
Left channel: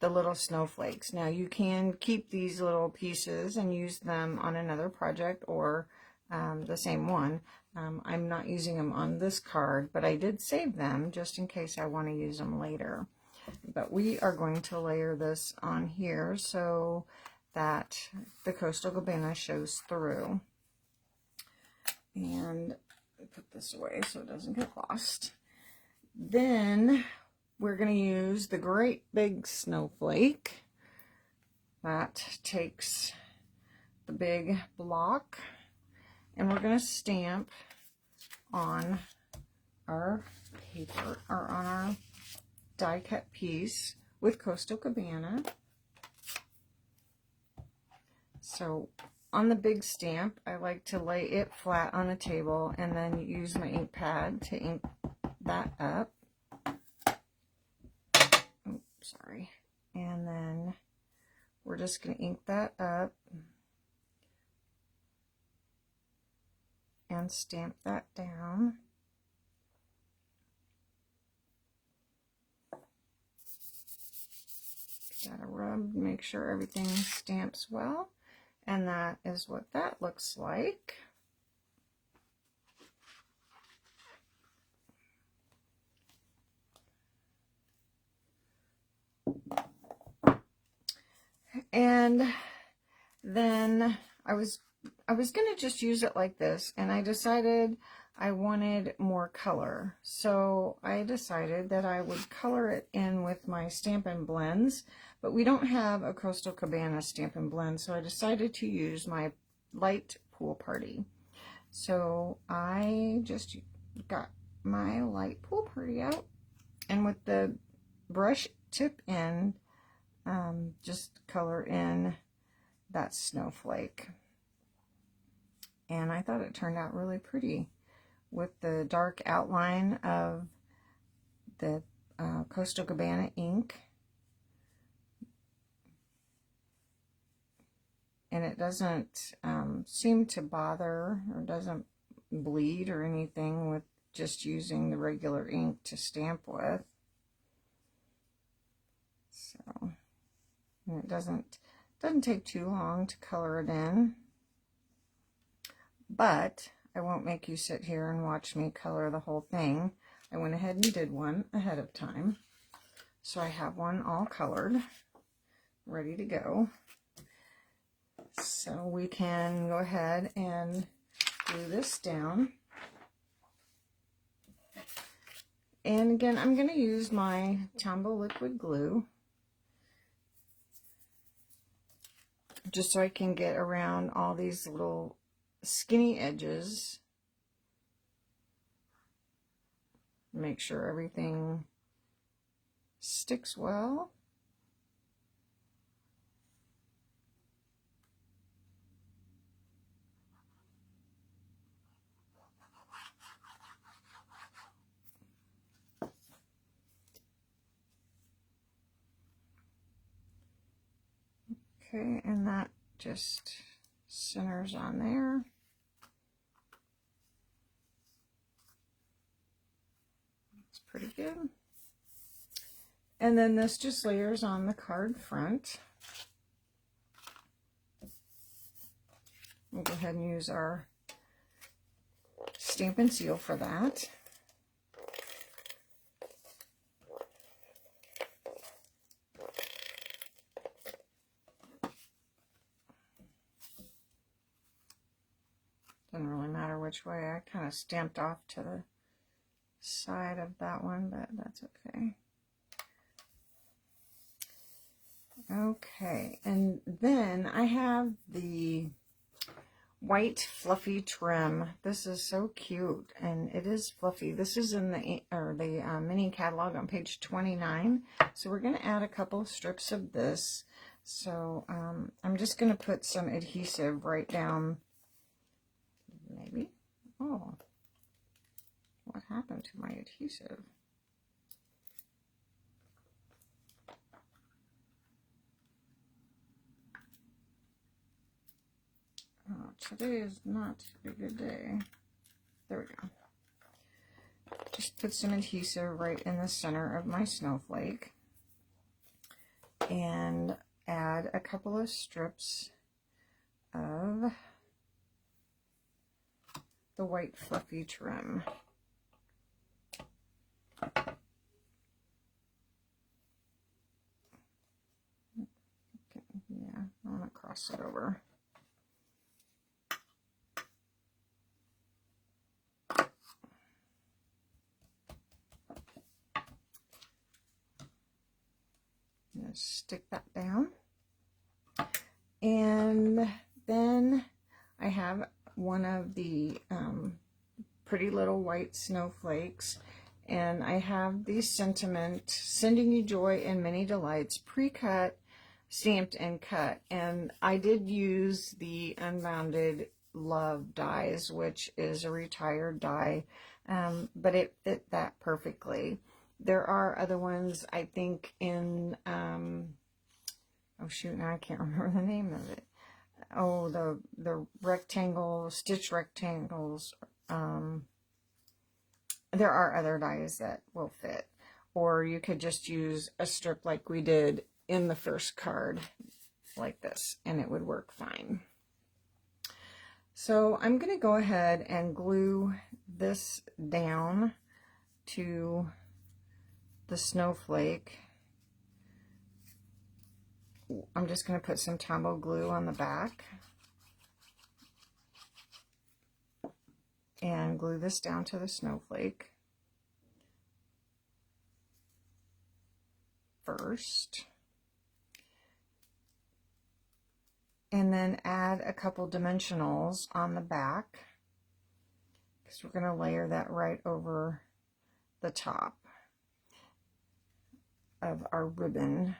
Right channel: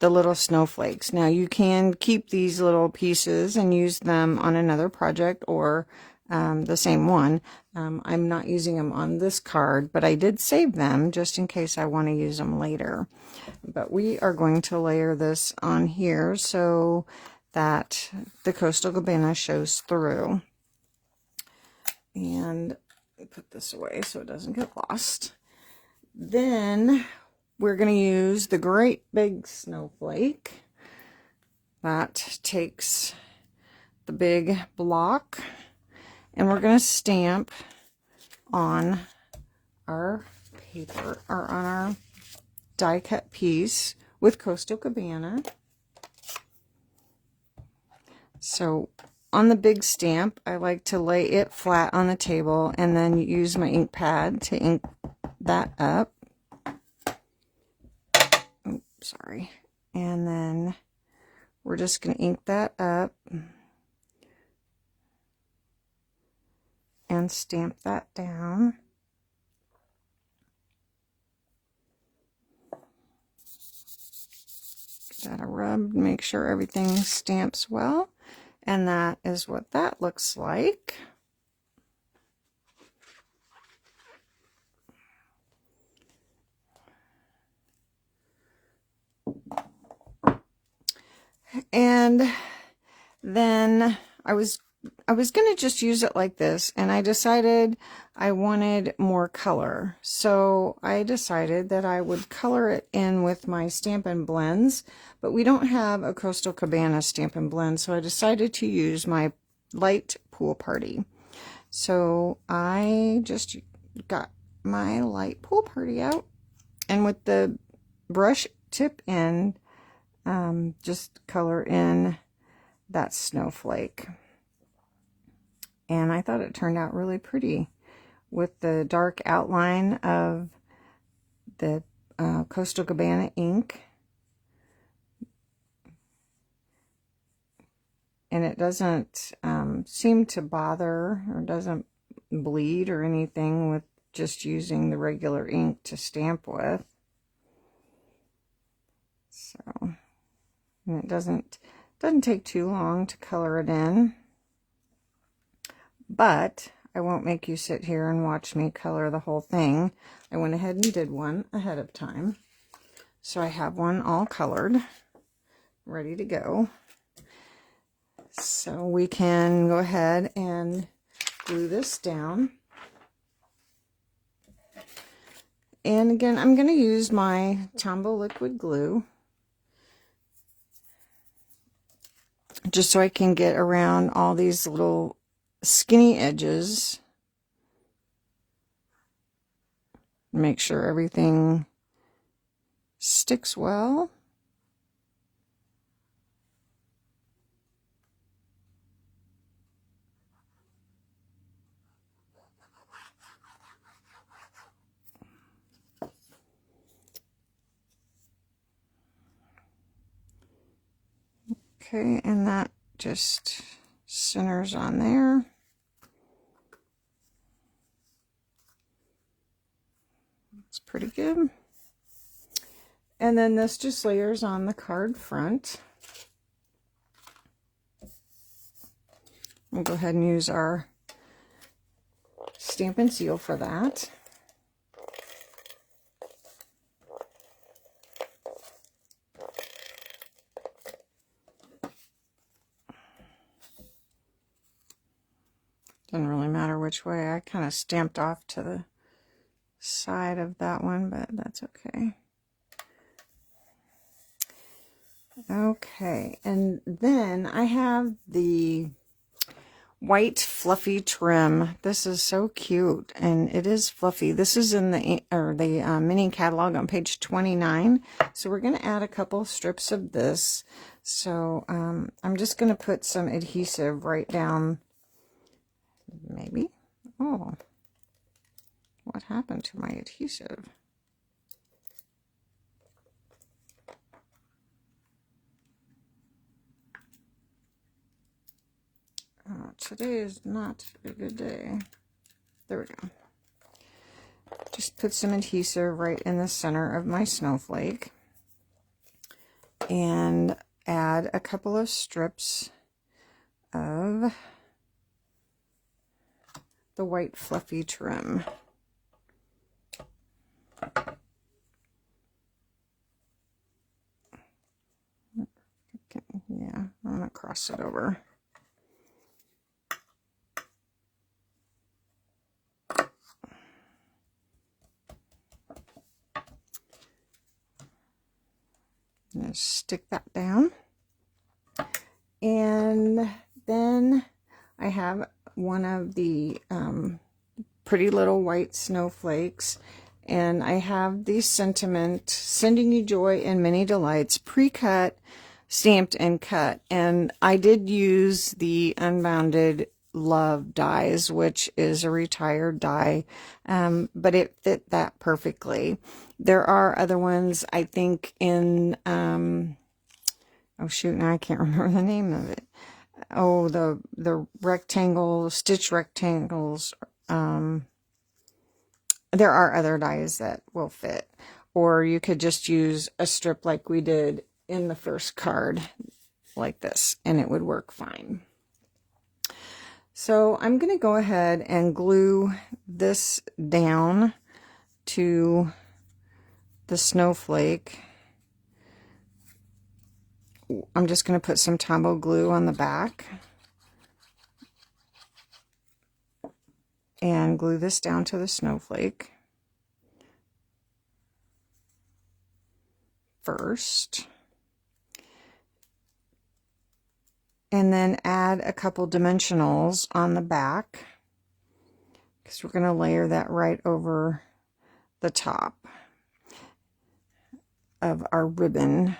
little snowflakes. Now you can keep these little pieces and use them on another project, or the same one. I'm not using them on this card, but I did save them just in case I want to use them later. But we are going to layer this on here so that the Coastal Cabana shows through. And put this away so it doesn't get lost. Then we're going to use the Great Big Snowflake. That takes the big block, and we're going to stamp on our paper, or on our die cut piece with Coastal Cabana. So on the big stamp, I like to lay it flat on the table and then use my ink pad to ink that up. Oops, sorry. And then we're just going to ink that up and stamp that down. Give that a rub, make sure everything stamps well. And that is what that looks like. And then I was going to just use it like this, and I decided I wanted more color. So I decided that I would color it in with my Stampin' Blends, but we don't have a Coastal Cabana Stampin' Blend, so I decided to use my light Pool Party. So I just got my light Pool Party out, and with the brush tip end, just color in that snowflake. And I thought it turned out really pretty with the dark outline of the Coastal Cabana ink. And it doesn't seem to bother, or doesn't bleed or anything with just using the regular ink to stamp with. So, and it doesn't take too long to color it in. But I won't make you sit here and watch me color the whole thing. I went ahead and did one ahead of time. So I have one all colored, ready to go. So we can go ahead and glue this down. And again, I'm going to use my Tombow liquid glue, just so I can get around all these little skinny edges. Make sure everything sticks well. Okay, and that just centers on there. It's pretty good. And then this just layers on the card front. We'll go ahead and use our Stampin' Seal for that. Doesn't really matter which way. I kind of stamped off to the side of that one, but that's okay. Okay, and then I have the white fluffy trim. This is so cute, and it is fluffy. This is in the mini catalog on page 29. So we're going to add a couple strips of this. So I'm just going to put some adhesive right down. Maybe. Oh, what happened to my adhesive? Today is not a good day. There we go. Just put some adhesive right in the center of my snowflake and add a couple of strips of the white fluffy trim. Yeah, I'm gonna cross it over. Stick that down, and then I have one of the pretty little white snowflakes, and I have the sentiment, sending you joy and many delights, pre-cut, stamped, and cut. And I did use the Unbounded Love dies, which is a retired die, but it fit that perfectly. There are other ones, I think, in, oh shoot, now I can't remember the name of it. Oh, the rectangle, stitch rectangles. There are other dies that will fit. Or you could just use a strip like we did in the first card, like this, and it would work fine. So I'm going to go ahead and glue this down to the snowflake. I'm just going to put some Tombow glue on the back and glue this down to the snowflake first, and then add a couple dimensionals on the back, because we're going to layer that right over the top of our ribbon.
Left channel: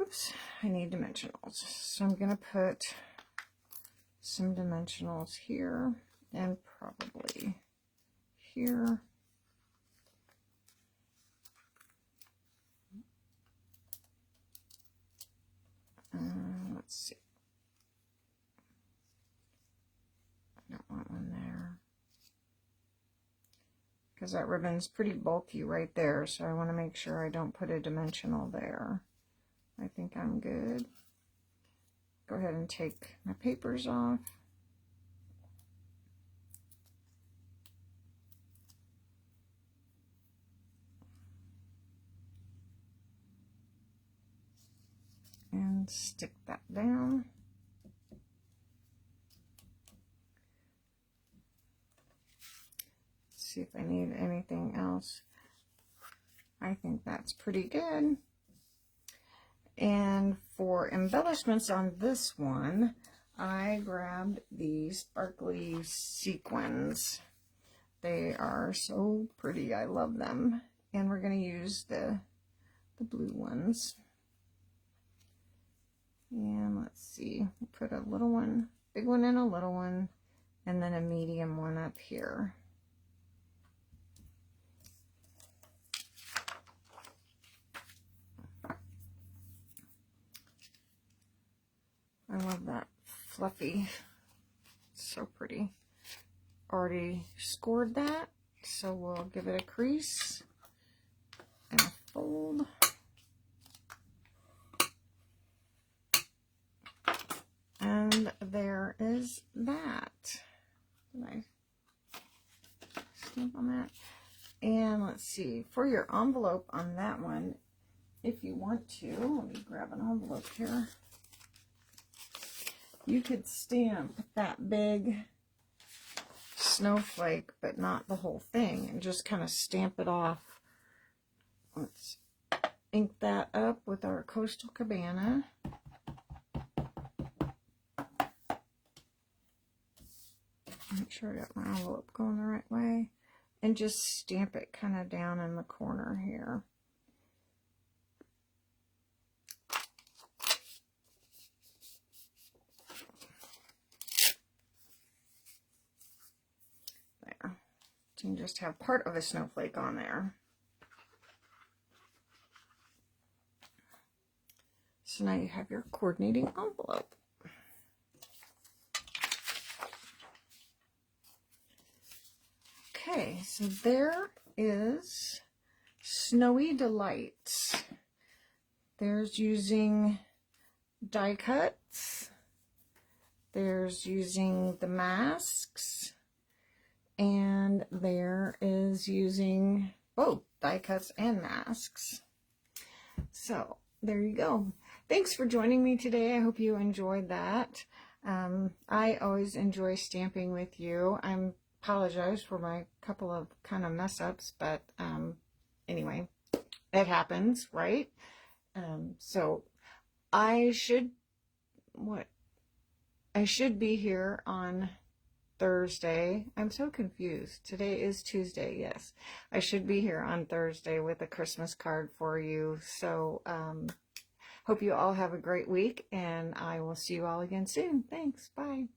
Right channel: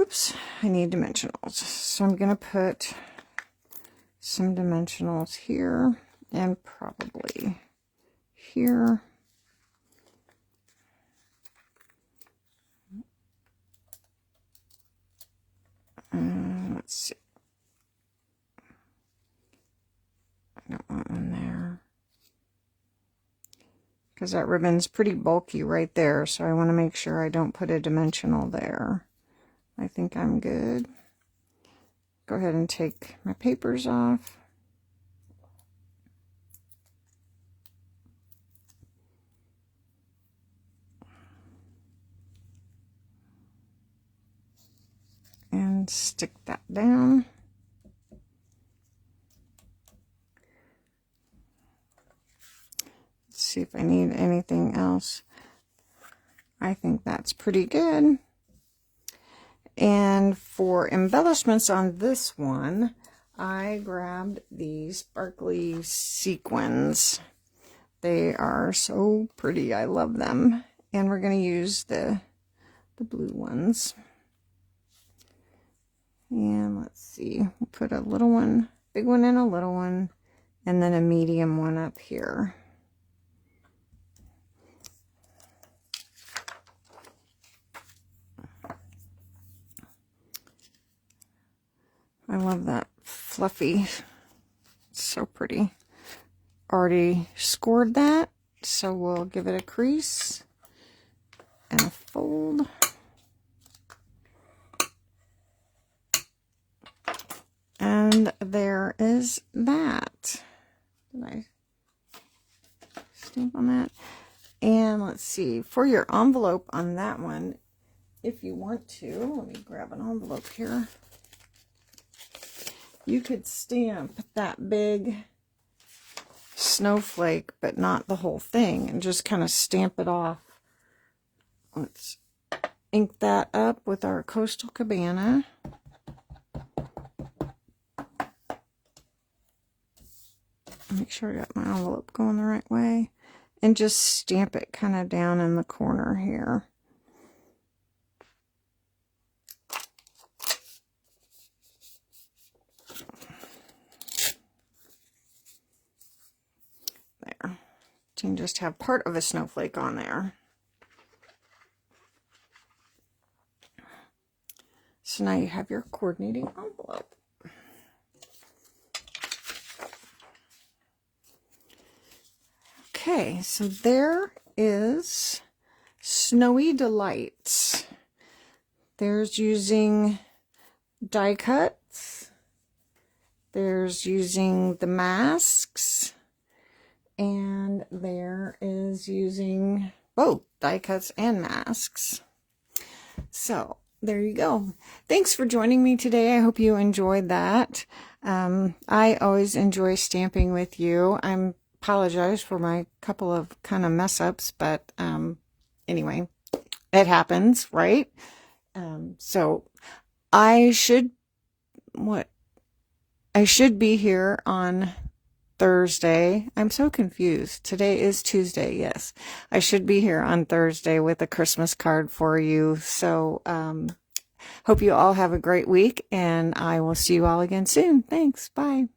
Oops, I need dimensionals. So I'm going to put some dimensionals here and probably here. Let's see. I don't want one there, because that ribbon's pretty bulky right there, so I want to make sure I don't put a dimensional there. I think I'm good. Go ahead and take my papers off. And stick that down. Let's see if I need anything else. I think that's pretty good. And for embellishments on this one, I grabbed these sparkly sequins. They are so pretty. I love them. And we're going to use the blue ones. And let's see, we'll put a little one, big one and a little one, and then a medium one up here. I love that fluffy, it's so pretty. Already scored that, so we'll give it a crease and a fold. And see, for your envelope on that one, if you want to, let me grab an envelope here. You could stamp that big snowflake, but not the whole thing, and just kind of stamp it off. Let's ink that up with our Coastal Cabana. Make sure I got my envelope going the right way. And just stamp it kind of down in the corner here. There. You can just have part of a snowflake on there. So now you have your coordinating envelope. Okay, so there is Snowy Delights. There's using die cuts. There's using the masks. And there is using both die cuts and masks. So there you go. Thanks for joining me today. I hope you enjoyed that. I always enjoy stamping with you. I apologize for my couple of kind of mess ups, but anyway, it happens, right? So I should be here on Thursday. I'm so confused. Today is Tuesday. Yes, I should be here on Thursday with a Christmas card for you. So hope you all have a great week, and I will see you all again soon. Thanks. Bye.